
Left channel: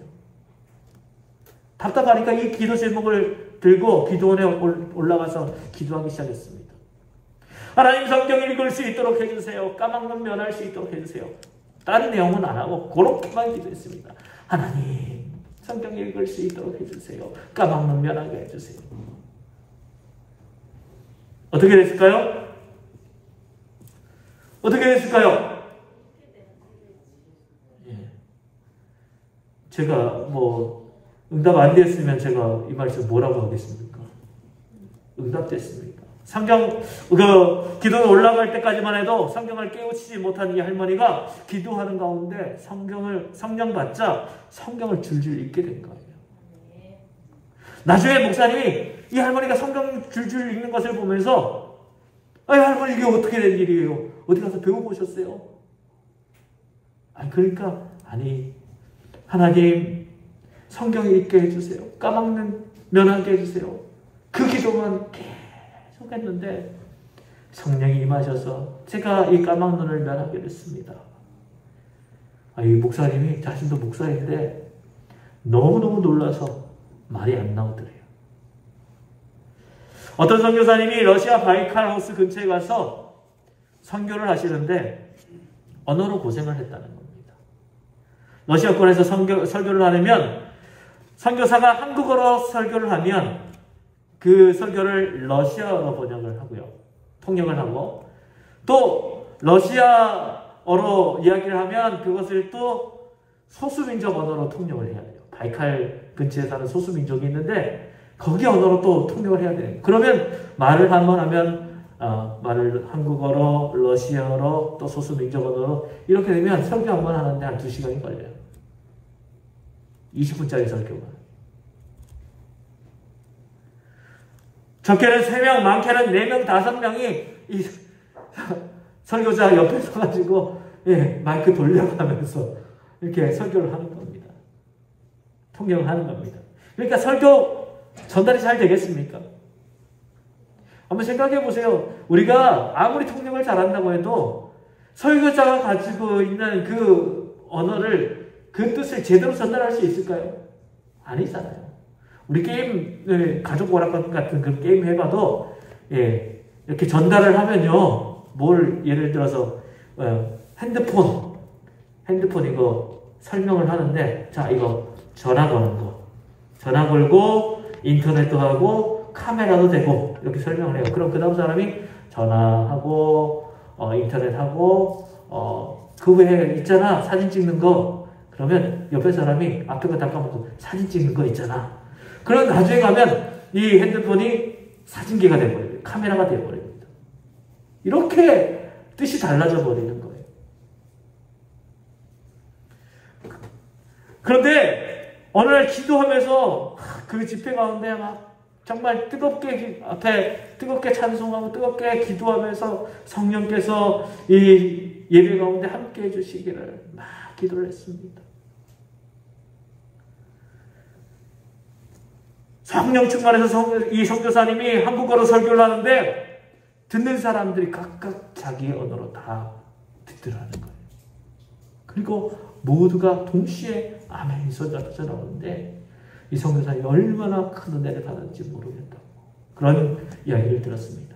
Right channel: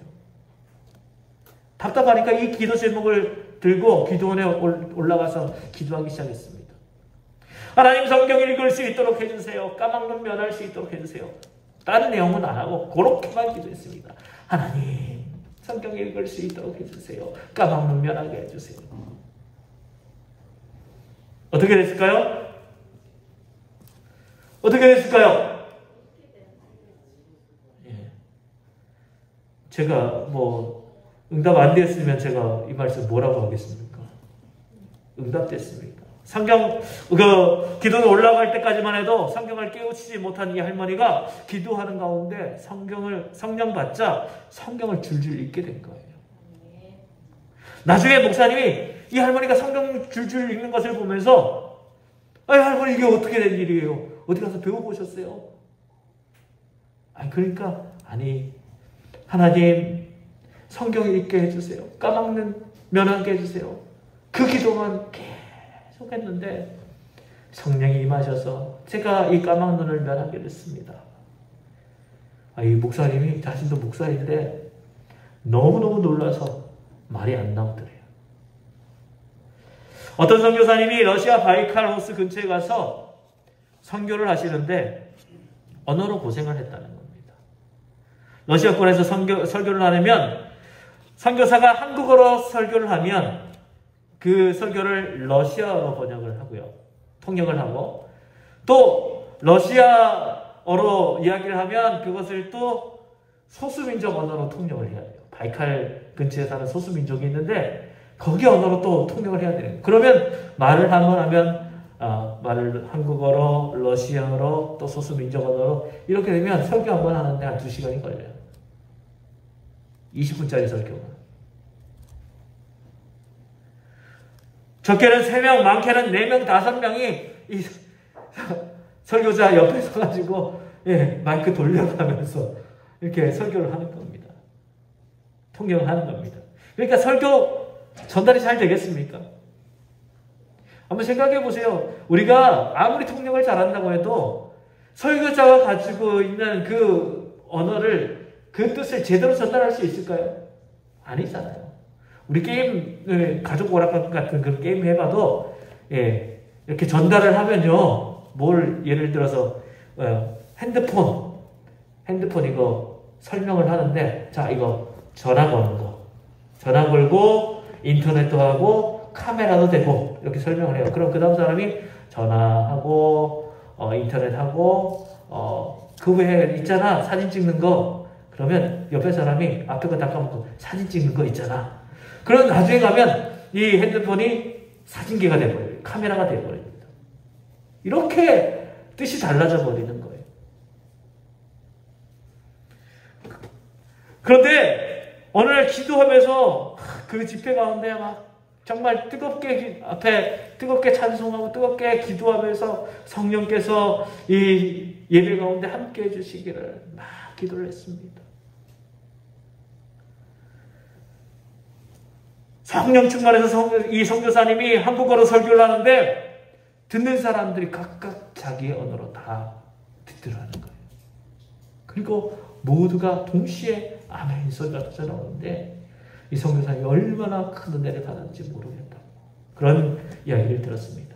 답답하니까 이 기도 제목을 들고 기도원에 올라가서 기도하기 시작했습니다. 하나님 성경 읽을 수 있도록 해주세요. 까막눈 면할 수 있도록 해주세요. 다른 내용은 안 하고 그렇게만 기도했습니다. 하나님 성경 읽을 수 있도록 해주세요. 까막눈 면하게 해주세요. 어떻게 됐을까요? 어떻게 됐을까요? 예. 제가 뭐 응답 안 됐으면 제가 이 말씀 뭐라고 하겠습니까? 응답됐습니까? 성경 기도에 올라갈 때까지만 해도 성경을 깨우치지 못한 이 할머니가 기도하는 가운데 성령 받자 성경을 줄줄 읽게 된 거예요. 나중에 목사님이 이 할머니가 성경 줄줄 읽는 것을 보면서 할머니 이게 어떻게 된 일이에요? 어디 가서 배우고 오셨어요? 그러니까 하나님 성경 읽게 해주세요. 까막눈 면하게 해주세요. 그 기도만 계속 했는데 성령이 임하셔서 제가 이 까막눈을 면하게 됐습니다. 이 목사님이 자신도 목사인데 너무너무 놀라서 말이 안 나오더래요. 어떤 선교사님이 러시아 바이칼 호수 근처에 가서 선교를 하시는데 언어로 고생을 했다는 겁니다. 러시아권에서 설교를 하려면 선교사가 한국어로 설교를 하면 그 설교를 러시아어로 번역을 하고요. 통역을 하고 또 러시아어로 이야기를 하면 그것을 또 소수민족 언어로 통역을 해야 돼요. 바이칼 근처에 사는 소수민족이 있는데 거기 언어로 또 통역을 해야 돼요. 그러면 말을 한번 하면 말을 한국어로, 러시아어로, 또 소수민족 언어로 이렇게 되면 설교 한 번 하는데 한 2시간이 걸려요. 20분짜리 설교가. 적게는 3명, 많게는 4명, 5명이 이 설교자 옆에 서가지고 마이크 돌려가면서 이렇게 설교를 하는 겁니다. 통역을 하는 겁니다. 그러니까 설교 전달이 잘 되겠습니까? 한번 생각해 보세요. 우리가 아무리 통역을 잘한다고 해도 설교자가 가지고 있는 그 언어를 그 뜻을 제대로 전달할 수 있을까요? 아니잖아요. 우리 게임 가족 오락관 같은 그 게임 해봐도 이렇게 전달을 하면요, 예를 들어서 핸드폰 이거 설명을 하는데 자 이거 전화 거는 거, 전화 걸고 인터넷도 하고 카메라도 되고 이렇게 설명을 해요. 그럼 그 다음 사람이 전화하고 인터넷하고 그 외에 있잖아 사진 찍는 거. 그러면 옆에 사람이 앞에 거 닦아보고 사진 찍는 거 있잖아. 그럼 나중에 가면 이 핸드폰이 사진기가 돼버려요. 카메라가 돼버립니다. 이렇게 뜻이 달라져 버리는 거예요. 그런데 어느 날 기도하면서 그 집회 가운데 막 정말 뜨겁게 찬송하고 뜨겁게 기도하면서 성령께서 이 예배 가운데 함께 해주시기를 막 기도를 했습니다. 성령 충만해서 이 선교사님이 한국어로 설교를 하는데 듣는 사람들이 각각 자기의 언어로 다 듣더라는 거예요. 그리고 모두가 동시에 아멘 소리가 나오는데 이 선교사님이 얼마나 큰 은혜를 받았는지 모르겠다고 그런 이야기를 들었습니다.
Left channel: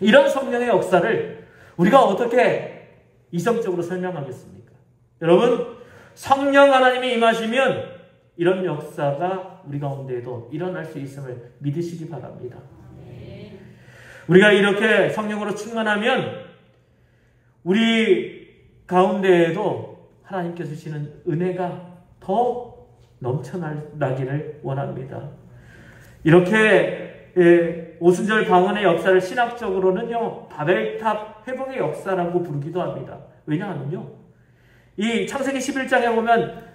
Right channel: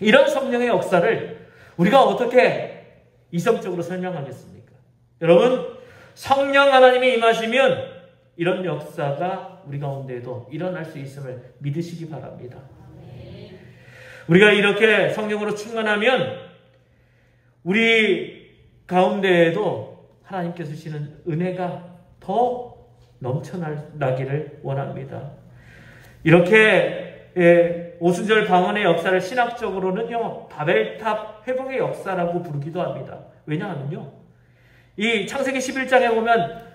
이런 성령의 역사를 우리가 어떻게 이성적으로 설명하겠습니까? 여러분, 성령 하나님이 임하시면 이런 역사가 우리 가운데에도 일어날 수 있음을 믿으시기 바랍니다. 우리가 이렇게 성령으로 충만하면 우리 가운데에도 하나님께서 주시는 은혜가 더 넘쳐나기를 원합니다. 이렇게 오순절 방언의 역사를 신학적으로는요, 바벨탑 회복의 역사라고 부르기도 합니다. 왜냐하면요, 이 창세기 11장에 보면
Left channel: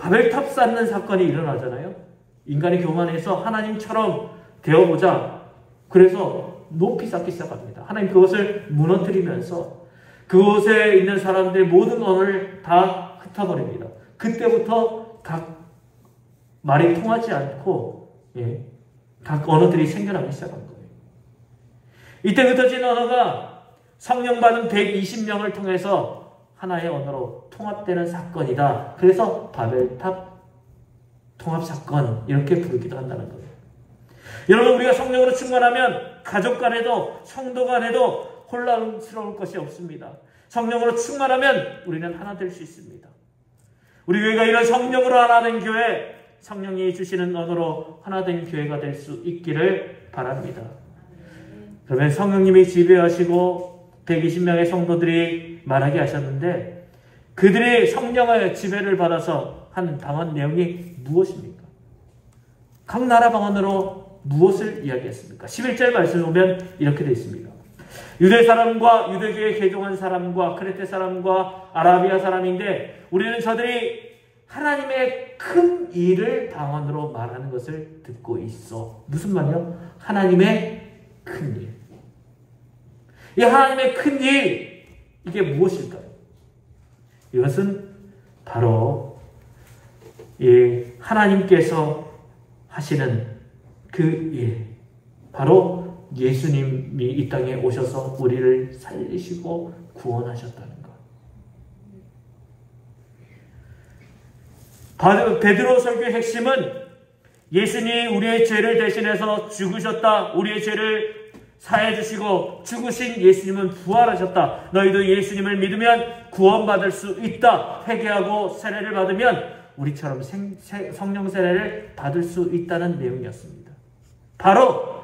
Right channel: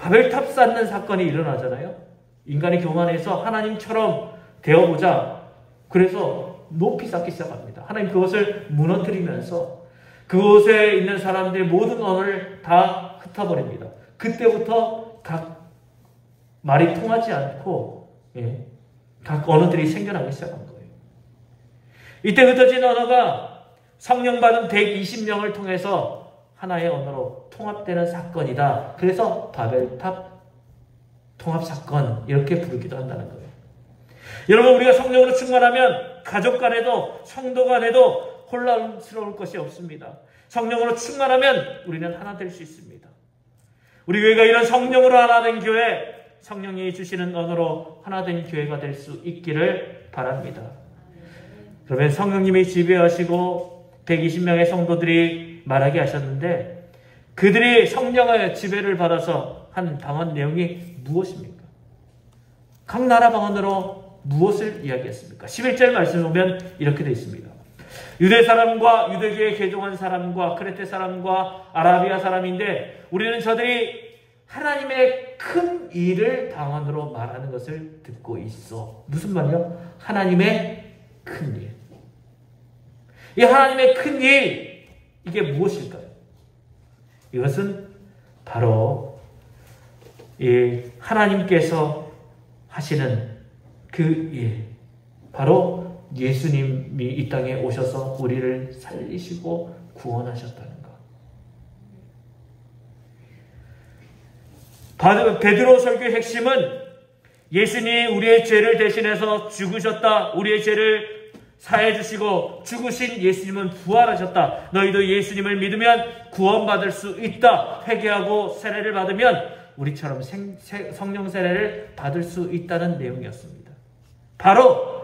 바벨탑 쌓는 사건이 일어나잖아요. 인간이 교만해서 하나님처럼 되어보자. 그래서 높이 쌓기 시작합니다. 하나님 그것을 무너뜨리면서 그곳에 있는 사람들의 모든 언어를 다 흩어버립니다. 그때부터 각 말이 통하지 않고 각 언어들이 생겨나기 시작한 거예요. 이때 흩어진 언어가 성령 받은 120명을 통해서 하나의 언어로 통합되는 사건이다. 그래서 바벨탑 통합사건 이렇게 부르기도 한다는 거예요. 여러분, 우리가 성령으로 충만하면 가족 간에도 성도 간에도 혼란스러울 것이 없습니다. 성령으로 충만하면 우리는 하나 될 수 있습니다. 우리 교회가 이런 성령으로 하나 된 교회, 성령이 주시는 언어로 하나 된 교회가 될 수 있기를 바랍니다. 그러면 성령님이 지배하시고 120명의 성도들이 말하게 하셨는데 그들이 성령의 지배를 받아서 한 방언 내용이 무엇입니까? 각 나라 방언으로 무엇을 이야기했습니까? 11절 말씀을 보면 이렇게 되어 있습니다. 유대 사람과 유대교에 개종한 사람과 크레테 사람과 아라비아 사람인데 우리는 저들이 하나님의 큰 일을 방언으로 말하는 것을 듣고 있어. 무슨 말이요? 하나님의 큰 일. 이 하나님의 큰 일, 이게 무엇일까요? 이것은 바로 이 하나님께서 하시는 그 일, 바로 예수님이 이 땅에 오셔서 우리를 살리시고 구원하셨다는 것. 베드로 설교의 핵심은 예수님이 우리의 죄를 대신해서 죽으셨다. 우리의 죄를 사해 주시고 죽으신 예수님은 부활하셨다. 너희도 예수님을 믿으면 구원받을 수 있다. 회개하고 세례를 받으면 우리처럼 성령 세례를 받을 수 있다는 내용이었습니다. 바로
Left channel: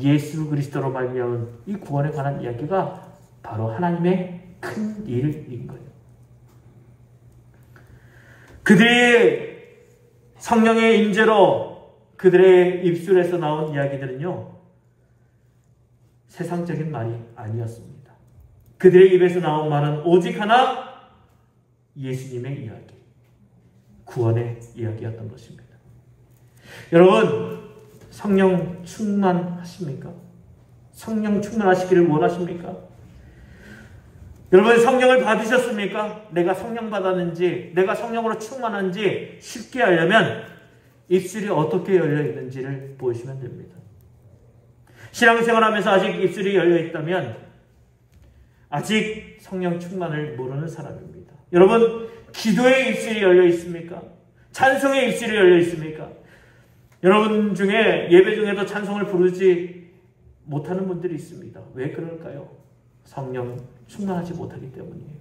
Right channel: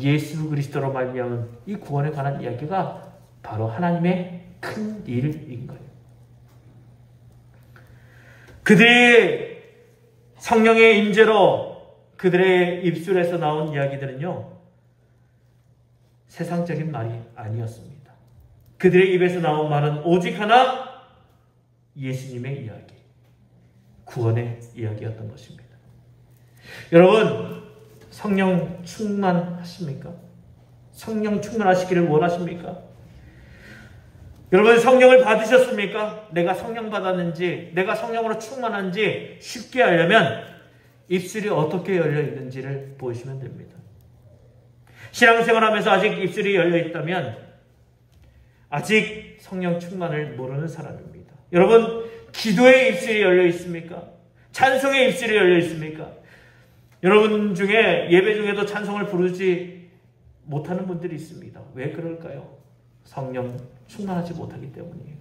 예수 그리스도로 말미암은 이 구원에 관한 이야기가 바로 하나님의 큰 일인 거예요. 그들이 성령의 임재로 그들의 입술에서 나온 이야기들은요, 세상적인 말이 아니었습니다. 그들의 입에서 나온 말은 오직 하나, 예수님의 이야기, 구원의 이야기였던 것입니다. 여러분, 성령 충만하십니까? 성령 충만하시기를 원하십니까? 여러분, 성령을 받으셨습니까? 내가 성령 받았는지, 내가 성령으로 충만한지 쉽게 알려면 입술이 어떻게 열려 있는지를 보시면 됩니다. 신앙생활하면서 아직 입술이 열려 있다면 아직 성령 충만을 모르는 사람입니다. 여러분, 기도의 입술이 열려 있습니까? 찬송의 입술이 열려 있습니까? 여러분 중에 예배 중에도 찬송을 부르지 못하는 분들이 있습니다. 왜 그럴까요? 성령 충만하지 못하기 때문이에요.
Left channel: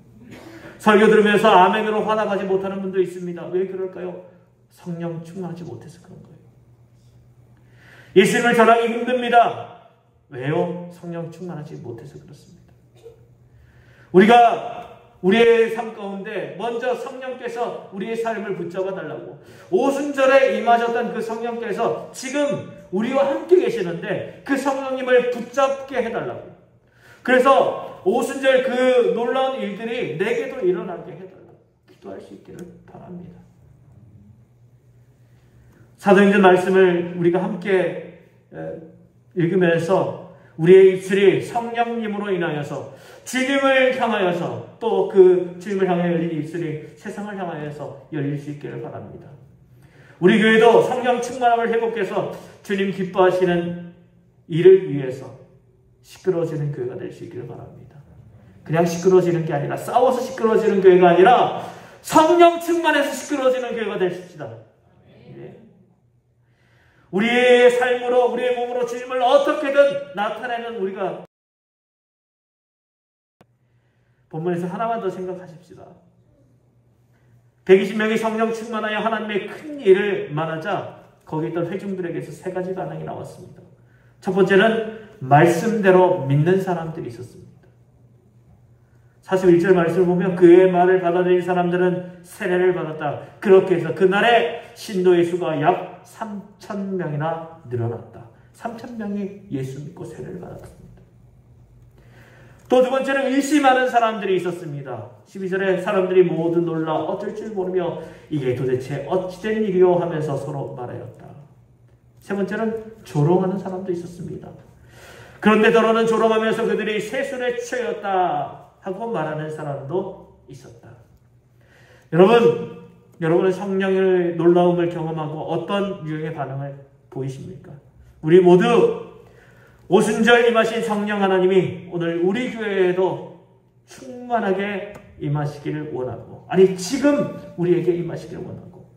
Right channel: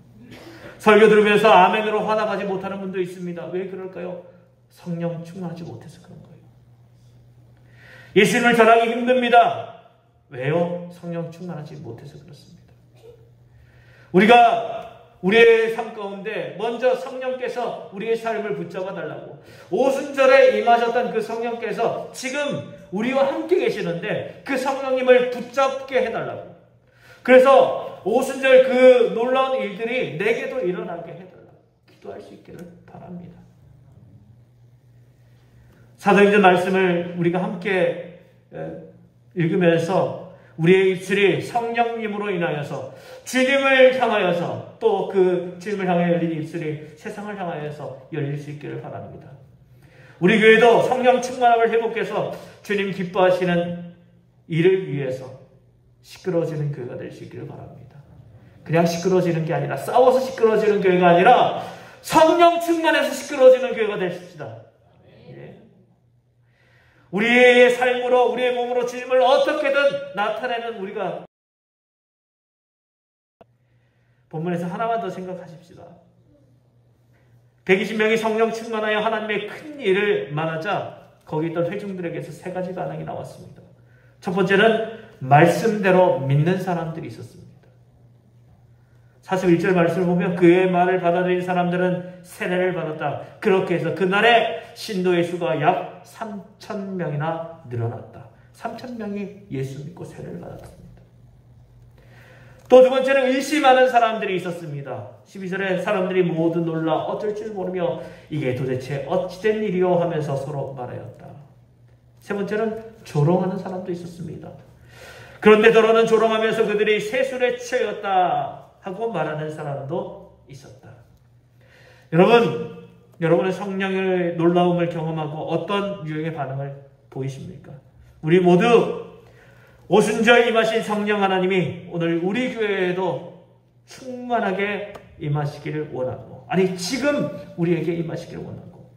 설교 들으면서 아멘으로 화답하지 못하는 분도 있습니다. 왜 그럴까요? 성령 충만하지 못해서 그런 거예요. 예수님을 전하기 힘듭니다. 왜요? 성령 충만하지 못해서 그렇습니다. 우리가 우리의 삶 가운데 먼저 성령께서 우리의 삶을 붙잡아 달라고, 오순절에 임하셨던 그 성령께서 지금 우리와 함께 계시는데 그 성령님을 붙잡게 해달라고, 그래서 오순절 그 놀라운 일들이 내게도 일어나게 해달라고 기도할 수 있기를 바랍니다. 사도님들 말씀을 우리가 함께 읽으면서 우리의 입술이 성령님으로 인하여서 주님을 향하여서, 또 그 주님을 향해 열린 입술이 세상을 향하여서 열릴 수 있기를 바랍니다. 우리 교회도 성령 충만함을 회복해서 주님 기뻐하시는 일을 위해서 시끄러워지는 교회가 될 수 있기를 바랍니다. 그냥 시끄러워지는 게 아니라, 싸워서 시끄러워지는 교회가 아니라 성령 충만해서 시끄러워지는 교회가 되십시다. 우리의 삶으로, 우리의 몸으로 주님을 어떻게든 나타내는 우리가, 본문에서 하나만 더 생각하십시다. 120명이 성령 충만하여 하나님의 큰 일을 말하자 거기 있던 회중들에게서 세 가지 반응이 나왔습니다. 첫 번째는 말씀대로 믿는 사람들이 있었습니다. 41절 말씀을 보면 그의 말을 받아들인 사람들은 세례를 받았다. 그렇게 해서 그날에 신도의 수가 약 3,000명이나 늘어났다. 3,000명이 예수 믿고 세례를 받았습니다. 또 두 번째는 의심하는 사람들이 있었습니다. 12절에 사람들이 모두 놀라 어쩔 줄 모르며 이게 도대체 어찌된 일이요 하면서 서로 말하였다. 세 번째는 조롱하는 사람도 있었습니다. 그런데 더러는 조롱하면서 그들이 세술에 취하였다 하고 말하는 사람도 있었다. 여러분은 성령의 놀라움을 경험하고 어떤 유형의 반응을 보이십니까? 우리 모두 오순절 임하신 성령 하나님이 오늘 우리 교회에도 충만하게 임하시기를 원하고, 아니 지금 우리에게 임하시기를 원하고,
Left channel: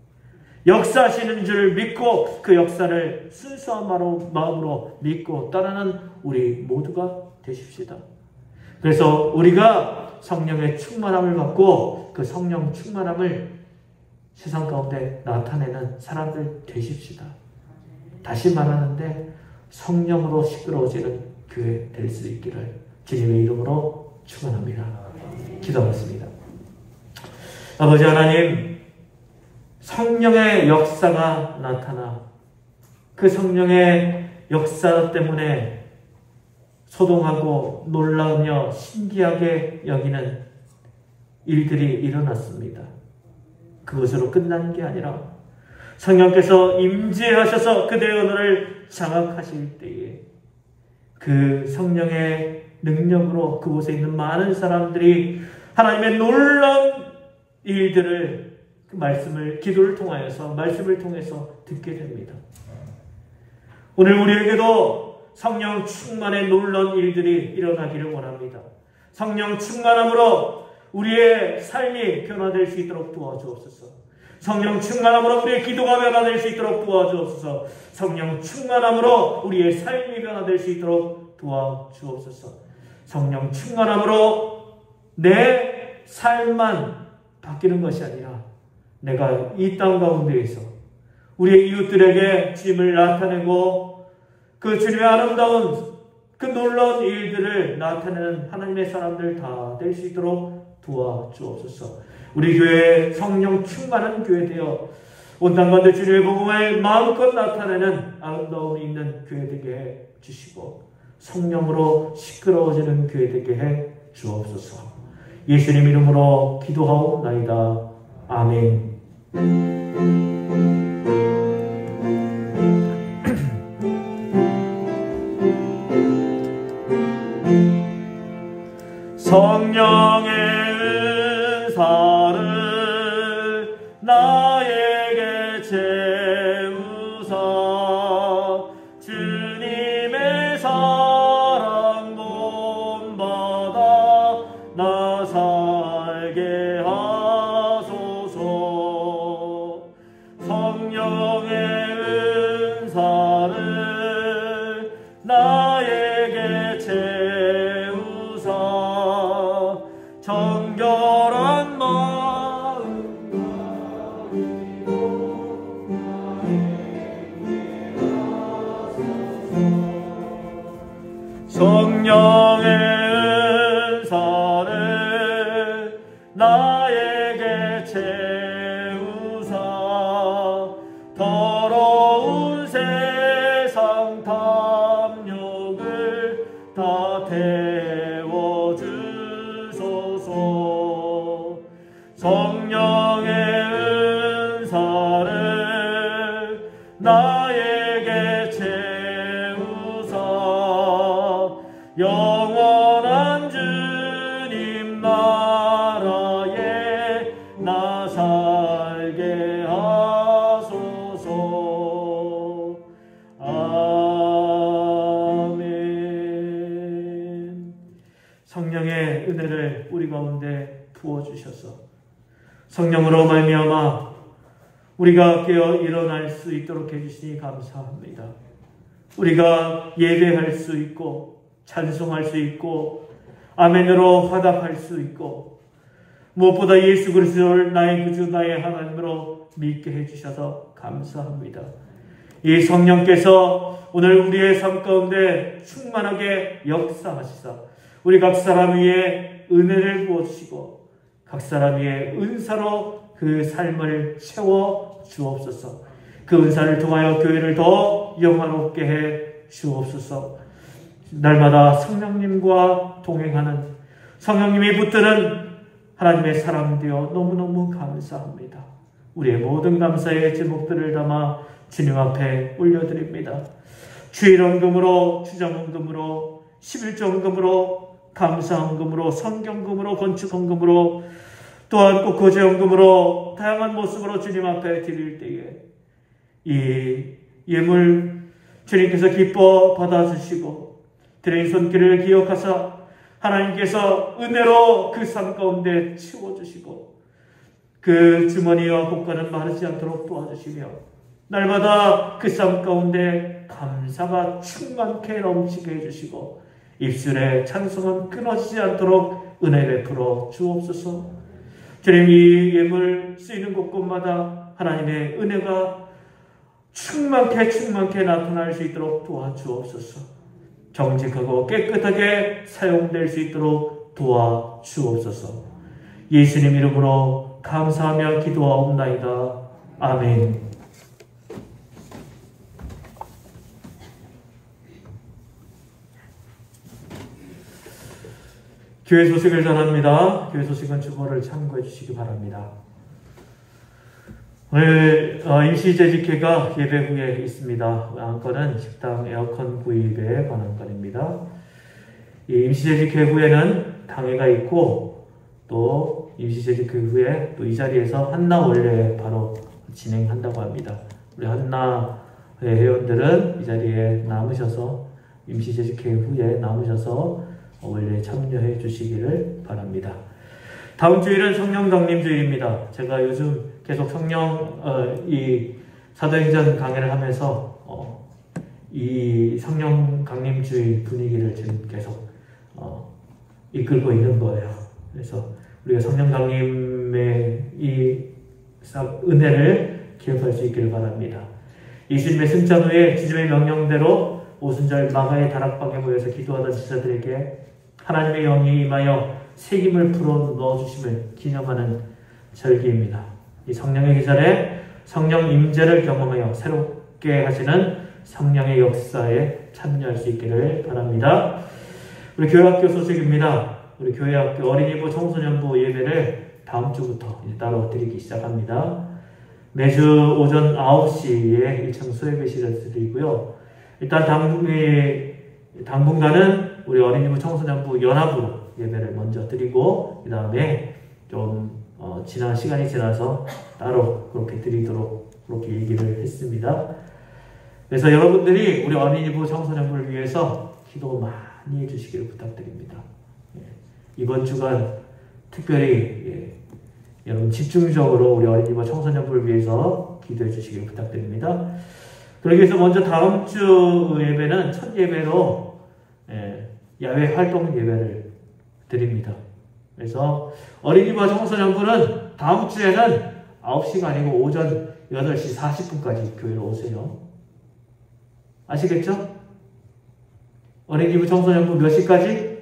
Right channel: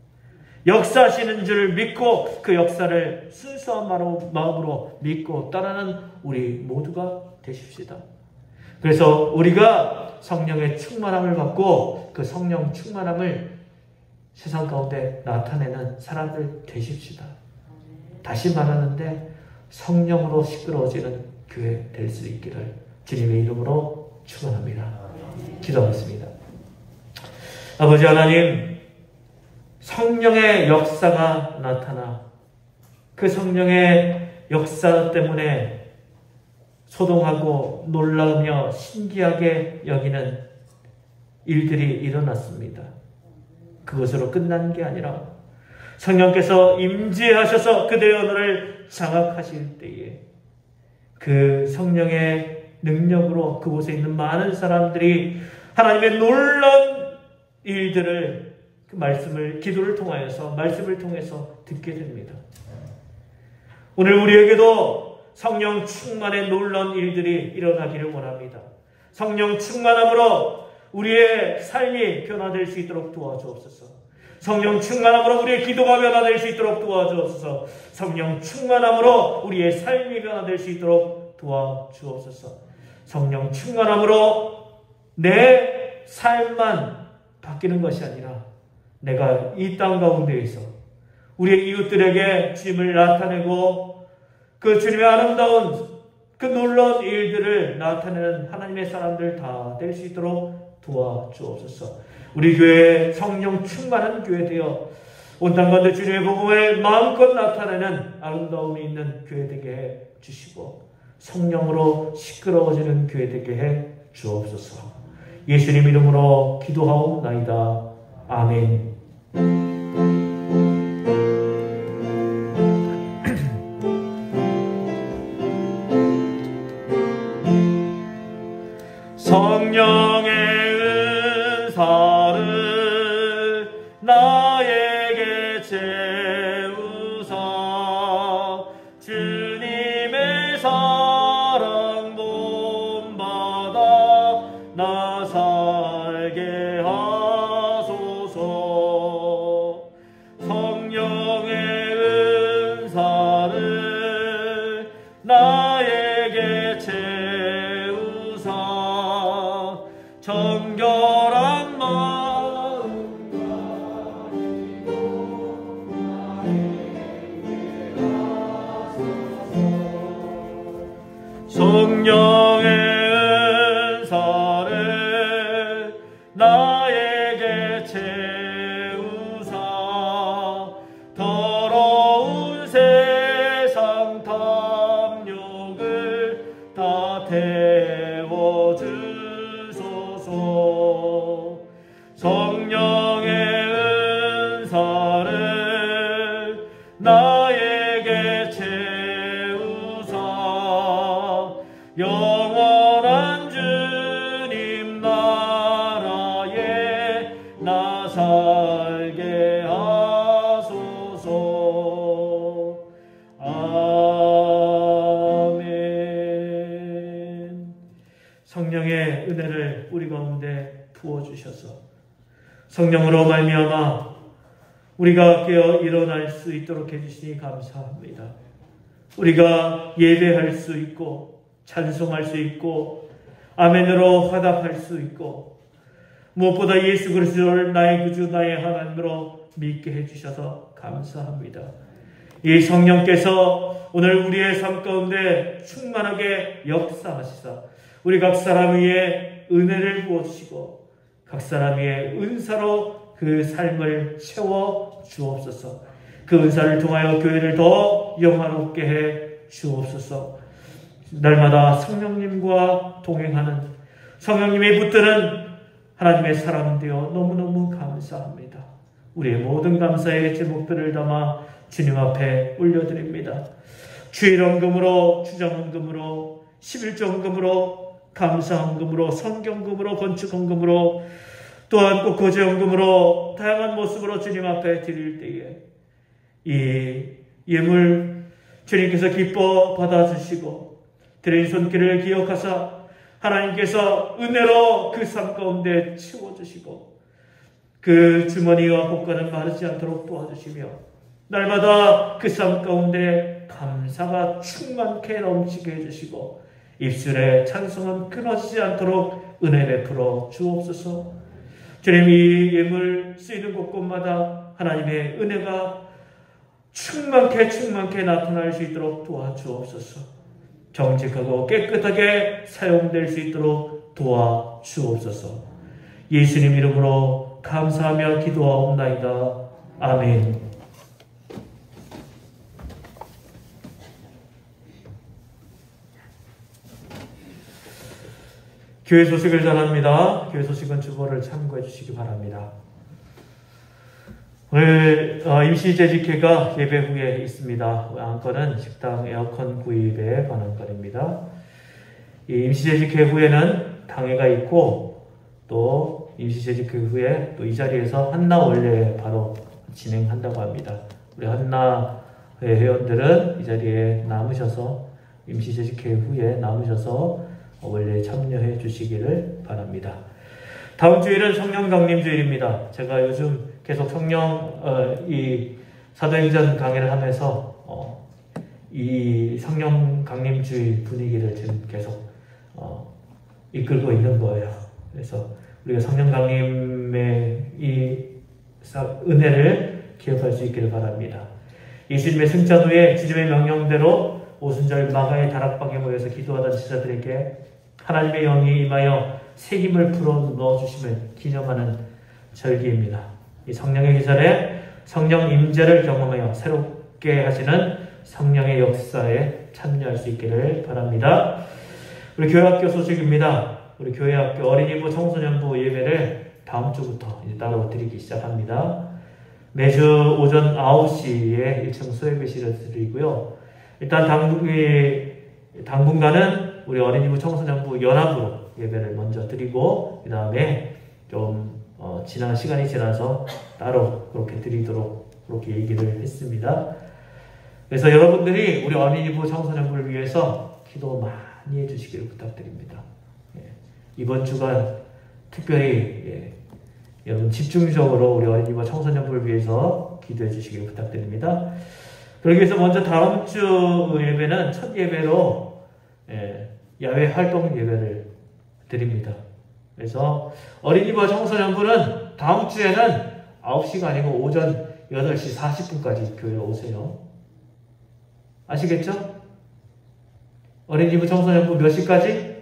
역사하시는 줄 믿고 그 역사를 순수한 마음으로 믿고 따르는 우리 모두가 되십시다. 그래서 우리가 성령의 충만함을 받고 그 성령 충만함을 세상 가운데 나타내는 사람들 되십시다. 다시 말하는데 성령으로 시끄러워지는 교회 될 수 있기를 주님의 이름으로 축원합니다. 기도하겠습니다. 아버지 하나님, 성령의 역사가 나타나 그 성령의 역사 때문에 소동하고 놀라우며 신기하게 여기는 일들이 일어났습니다. 그것으로 끝난 게 아니라 성령께서 임재하셔서 그대의 언어를 장악하실 때에 그 성령의 능력으로 그곳에 있는 많은 사람들이 하나님의 놀라운 일들을 그 말씀을 기도를 통하여서 말씀을 통해서 듣게 됩니다. 오늘 우리에게도 성령 충만의 놀라운 일들이 일어나기를 원합니다. 성령 충만함으로 우리의 삶이 변화될 수 있도록 도와주옵소서. 성령 충만함으로 우리의 기도가 변화될 수 있도록 도와주옵소서. 성령 충만함으로 우리의 삶이 변화될 수 있도록 도와주옵소서. 성령 충만함으로 내 삶만 바뀌는 것이 아니라 내가 이 땅 가운데에서 우리의 이웃들에게 주님을 나타내고 그 주님의 아름다운 그 놀라운 일들을 나타내는 하나님의 사람들 다 될 수 있도록 도와주옵소서. 우리 교회에 성령 충만한 교회 되어 온 땅 가운데 주님의 복음을 마음껏 나타내는 아름다움이 있는 교회 되게 해 주시고 성령으로 시끄러워지는 교회 되게 해 주옵소서. 예수님 이름으로 기도하옵나이다. 아멘. 성령의 은사를 나에게 채우사 주님의 사랑 본받아 나 살게 하소서. 성령의 은사를 나에게 채우사 정결한 마음과 성령의 은사를 나에게 채우사 더러운 세상 탐욕을 다 태워주소서. 성령의 은사를 나에게 채우사 영원한 주님 나라에 나 살게 하소서. 아멘. 성령의 은혜를 우리 가운데 부어주셔서 성령으로 말미암아 우리가 깨어 일어날 수 있도록 해주시니 감사합니다. 우리가 예배할 수 있고 찬송할 수 있고 아멘으로 화답할 수 있고 무엇보다 예수 그리스도를 나의 구주 나의 하나님으로 믿게 해주셔서 감사합니다. 이 성령께서 오늘 우리의 삶 가운데 충만하게 역사하시사 우리 각 사람 위에 은혜를 부어주시고 각 사람 위에 은사로 그 삶을 채워 주옵소서. 그 은사를 통하여 교회를 더 영화롭게 해 주옵소서. 날마다 성령님과 동행하는 성령님이 붙드는 하나님의 사람 되어 너무너무 감사합니다. 우리의 모든 감사의 제목들을 담아 주님 앞에 올려드립니다. 주일헌금으로 주정헌금으로 11조헌금으로 감사헌금으로 성경금으로 건축헌금으로 또한 꼭 거제헌금으로 다양한 모습으로 주님 앞에 드릴 때에 이 예물 주님께서 기뻐 받아주시고 드린 손길을 기억하사 하나님께서 은혜로 그 삶 가운데 채워주시고 그 주머니와 곳간은 마르지 않도록 도와주시며 날마다 그 삶 가운데 감사가 충만케 넘치게 해주시고 입술에 찬송은 끊어지지 않도록 은혜 베풀어 주옵소서. 주님, 이 예물 쓰이는 곳곳마다 하나님의 은혜가 충만케 나타날 수 있도록 도와주옵소서. 정직하고 깨끗하게 사용될 수 있도록 도와주옵소서. 예수님 이름으로 감사하며 기도하옵나이다. 아멘. 교회 소식을 전합니다. 교회 소식은 주보를 참고해 주시기 바랍니다. 오늘 임시재직회가 예배 후에 있습니다. 안건은 식당 에어컨 구입에 관한 건입니다. 이 임시재직회 후에는 강의가 있고 또 임시재직회 후에 또 이 자리에서 한나 원래 바로 진행한다고 합니다. 우리 한나 회원들은 이 자리에 남으셔서 임시재직회 후에 남으셔서 원래 참여해 주시기를 바랍니다. 다음 주일은 성령 강림 주일입니다. 제가 요즘 계속 성령 이 사도행전 강의를 하면서 이 성령 강림 주일 분위기를 지금 계속 이끌고 있는 거예요. 그래서 우리가 성령 강림의 이 은혜를 기억할 수 있기를 바랍니다. 예수님의 승천 후에 주님의 명령대로 오순절 마가의 다락방에 모여서 기도하던 제자들에게 하나님의 영이 임하여 새 힘을 불어 넣어주심을 기념하는 절기입니다. 이 성령의 기절에 성령 임재를 경험하여 새롭게 하시는 성령의 역사에 참여할 수 있기를 바랍니다. 우리 교회학교 소식입니다. 우리 교회학교 어린이부 청소년부 예배를 다음 주부터 이제 따로 드리기 시작합니다. 매주 오전 9시에 1층 수혜배실을 드리고요. 일단 당분간은 우리 어린이부 청소년부 연합으로 예배를 먼저 드리고 그 다음에 좀 지난 시간이 지나서 따로 그렇게 드리도록 그렇게 얘기를 했습니다. 그래서 여러분들이 우리 어린이부 청소년부를 위해서 기도 많이 해주시기를 부탁드립니다. 이번 주간 특별히 여러분 집중적으로 우리 어린이부 청소년부를 위해서 기도해 주시기를 부탁드립니다. 그러기 위해서 먼저 다음 주 예배는 첫 예배로 야외 활동 예배를 드립니다. 그래서 어린이와 청소년부는 다음 주에는 9시가 아니고 오전 8시 40분까지 교회에 오세요. 아시겠죠? 어린이부 청소년부 몇 시까지?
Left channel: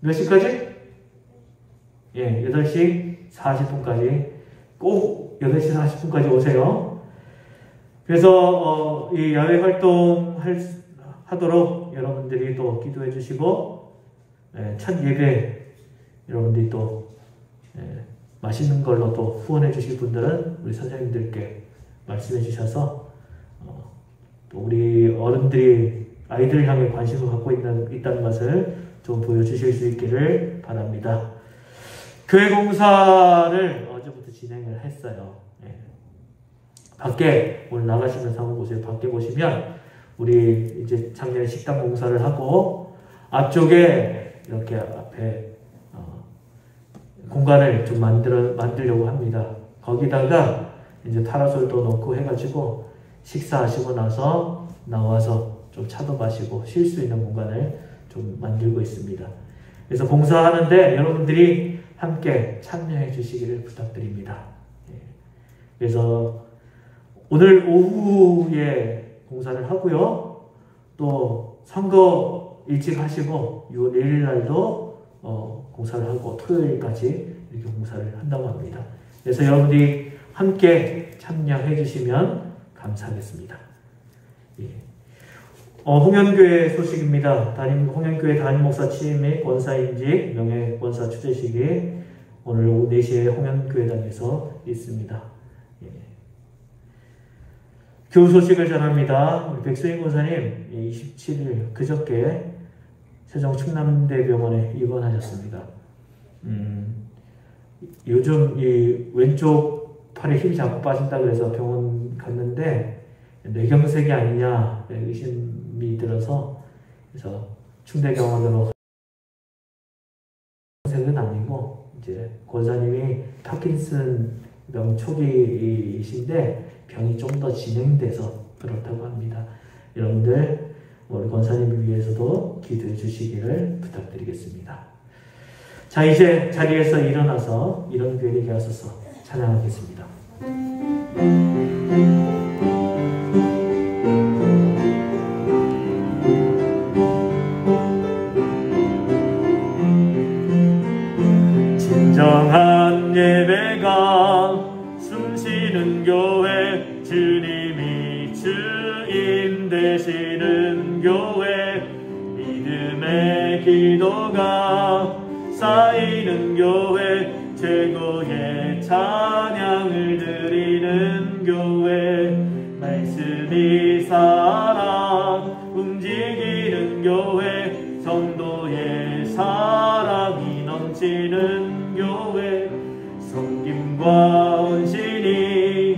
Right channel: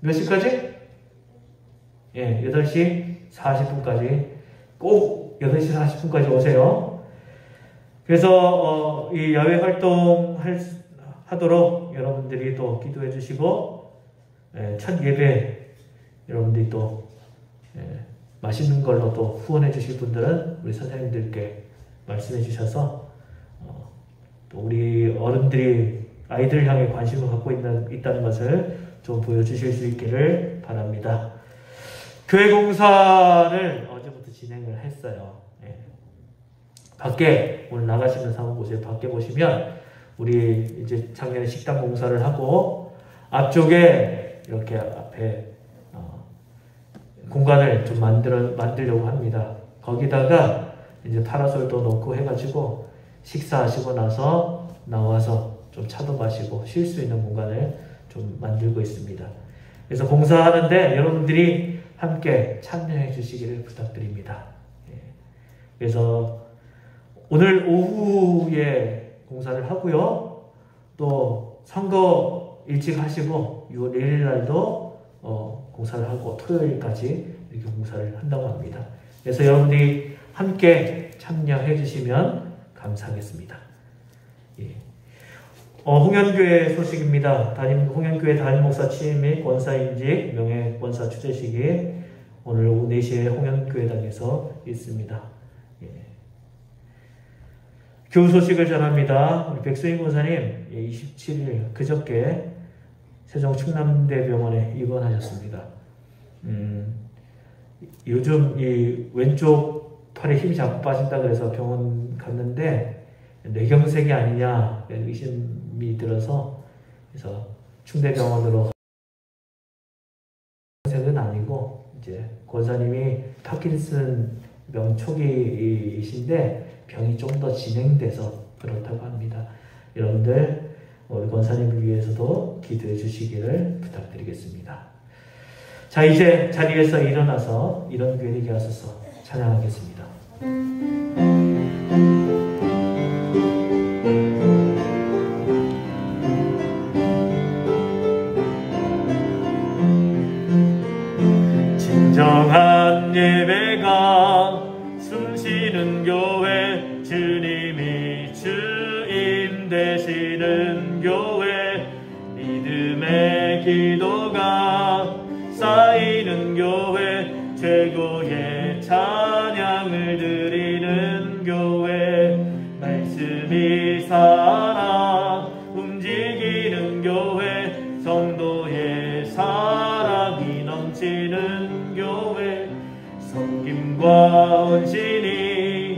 몇 시까지? 8시 40분까지 꼭 8시 40분까지 오세요. 그래서 이 야외 활동 하도록 여러분들이 또 기도해 주시고 첫 예배 여러분들이 또 맛있는 걸로 또 후원해 주실 분들은 우리 선생님들께 말씀해 주셔서 또 우리 어른들이 아이들 향해 관심을 갖고 있다는 것을 좀 보여주실 수 있기를 바랍니다. 교회 공사를 어제부터 진행을 했어요. 밖에 오늘 나가시면서 한번 보세요. 밖에 보시면 우리 이제 작년에 식당 공사를 하고 앞쪽에 이렇게 앞에 공간을 좀 만들려고 합니다. 거기다가 이제 파라솔도 놓고 해가지고 식사하시고 나서 나와서 좀 차도 마시고 쉴 수 있는 공간을 좀 만들고 있습니다. 그래서 봉사하는데 여러분들이 함께 참여해 주시기를 부탁드립니다. 그래서 오늘 오후에 봉사를 하고요. 또 선거 일찍 하시고 내일 날도 공사를 하고 토요일까지 이렇게 공사를 한다고 합니다. 그래서 여러분들이 함께 참여해 주시면 감사하겠습니다. 홍현교회 소식입니다. 홍현교회 담임목사 취임 및 권사인직 명예권사 추재식이 오늘 오후 4시에 홍현교회당에서 있습니다. 교우 소식을 전합니다. 백수인 권사님 27일 그저께 세종 충남대병원에 입원하셨습니다. 요즘 이 왼쪽 팔에 힘이 자꾸 빠진다 그래서 병원 갔는데 뇌경색이 아니냐 의심이 들어서 그래서 충대병원으로 뇌경색은 아니고 이제 권사님이 파킨슨 명초기이신데 병이 좀 더 진행돼서 그렇다고 합니다. 여러분들 우리 권사님을 위해서도 기도해 주시기를 부탁드리겠습니다. 자, 이제 자리에서 일어나서 이런 교회 되게 하소서 찬양하겠습니다. 진정한 예배가 숨쉬는 교회, 주님이 주임 되시는 교회, 믿음의 기도가 쌓이는 교회, 최고의 찬양을 드리는 교회, 말씀이 살아 움직이는 교회, 성도의 사랑이 넘치는 교회, 섬김과 헌신이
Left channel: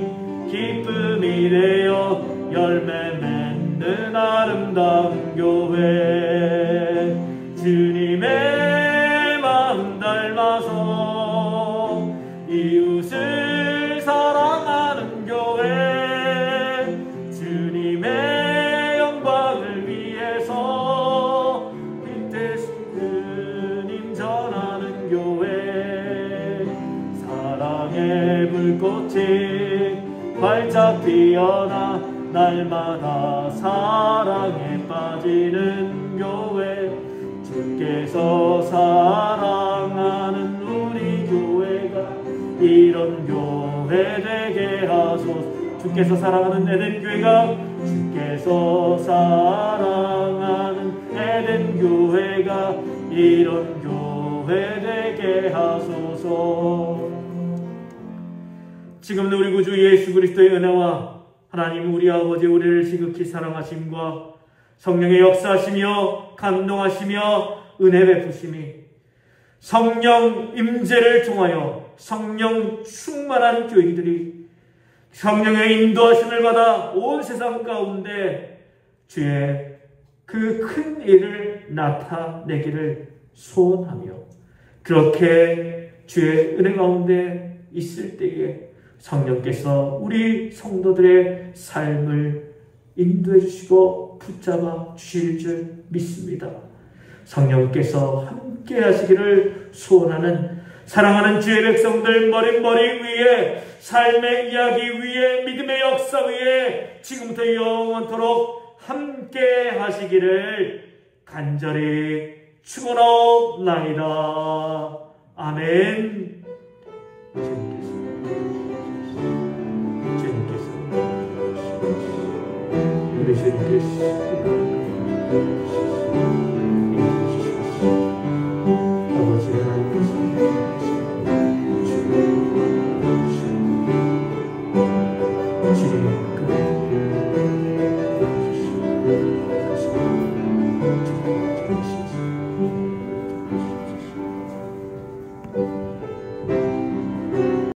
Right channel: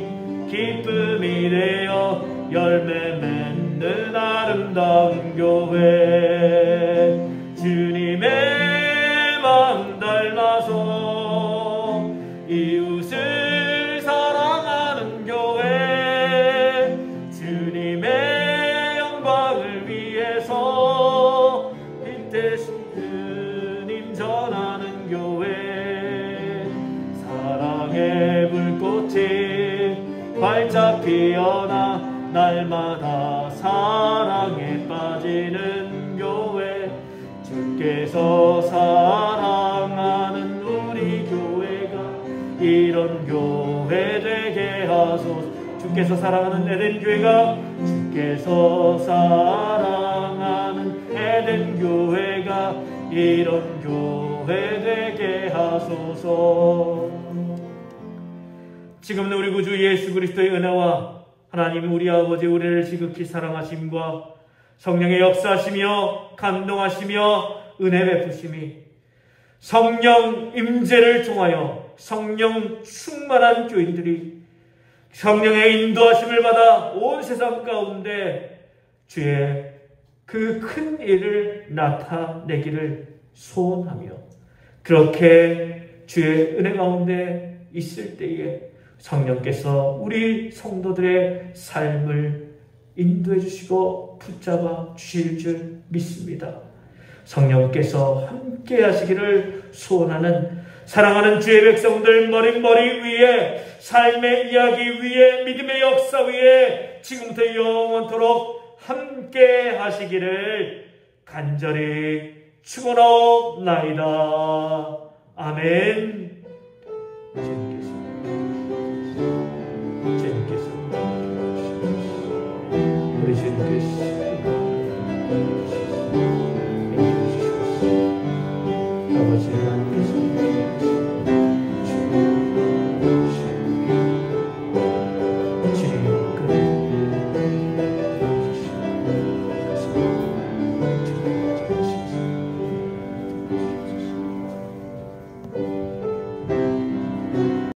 기쁨이 되어 열매 맺는 아름다운 교회, 주님의 마음 닮아서 이웃을 사랑하는 교회, 주님의 영광을 위해서 빈 대신 주님 전하는 교회, 사랑의 불꽃이 활짝 피어나 날마다 사랑에 빠지는 교회, 주께서 사랑하는 우리 교회가 이런 교회 되게 하소서. 주께서 사랑하는 에덴 교회가, 주께서 사랑하는 에덴 교회가 이런 교회 되게 하소서. 지금은 우리 구주 예수 그리스도의 은혜와 하나님 우리 아버지 우리를 지극히 사랑하심과 성령의 역사하시며 감동하시며 은혜 베푸심이 성령 임재를 통하여 성령 충만한 교인들이 성령의 인도하심을 받아 온 세상 가운데 주의 그 큰 일을 나타내기를 소원하며, 그렇게 주의 은혜 가운데 있을 때에 성령께서 우리 성도들의 삶을 인도해 주시고 붙잡아 주실 줄 믿습니다. 성령께서 함께 하시기를 소원하는 사랑하는 주의 백성들 머리 위에, 삶의 이야기 위에, 믿음의 역사 위에 지금부터 영원토록 함께 하시기를 간절히 축원하옵나이다. 아멘. 주님께서 우리 주님께서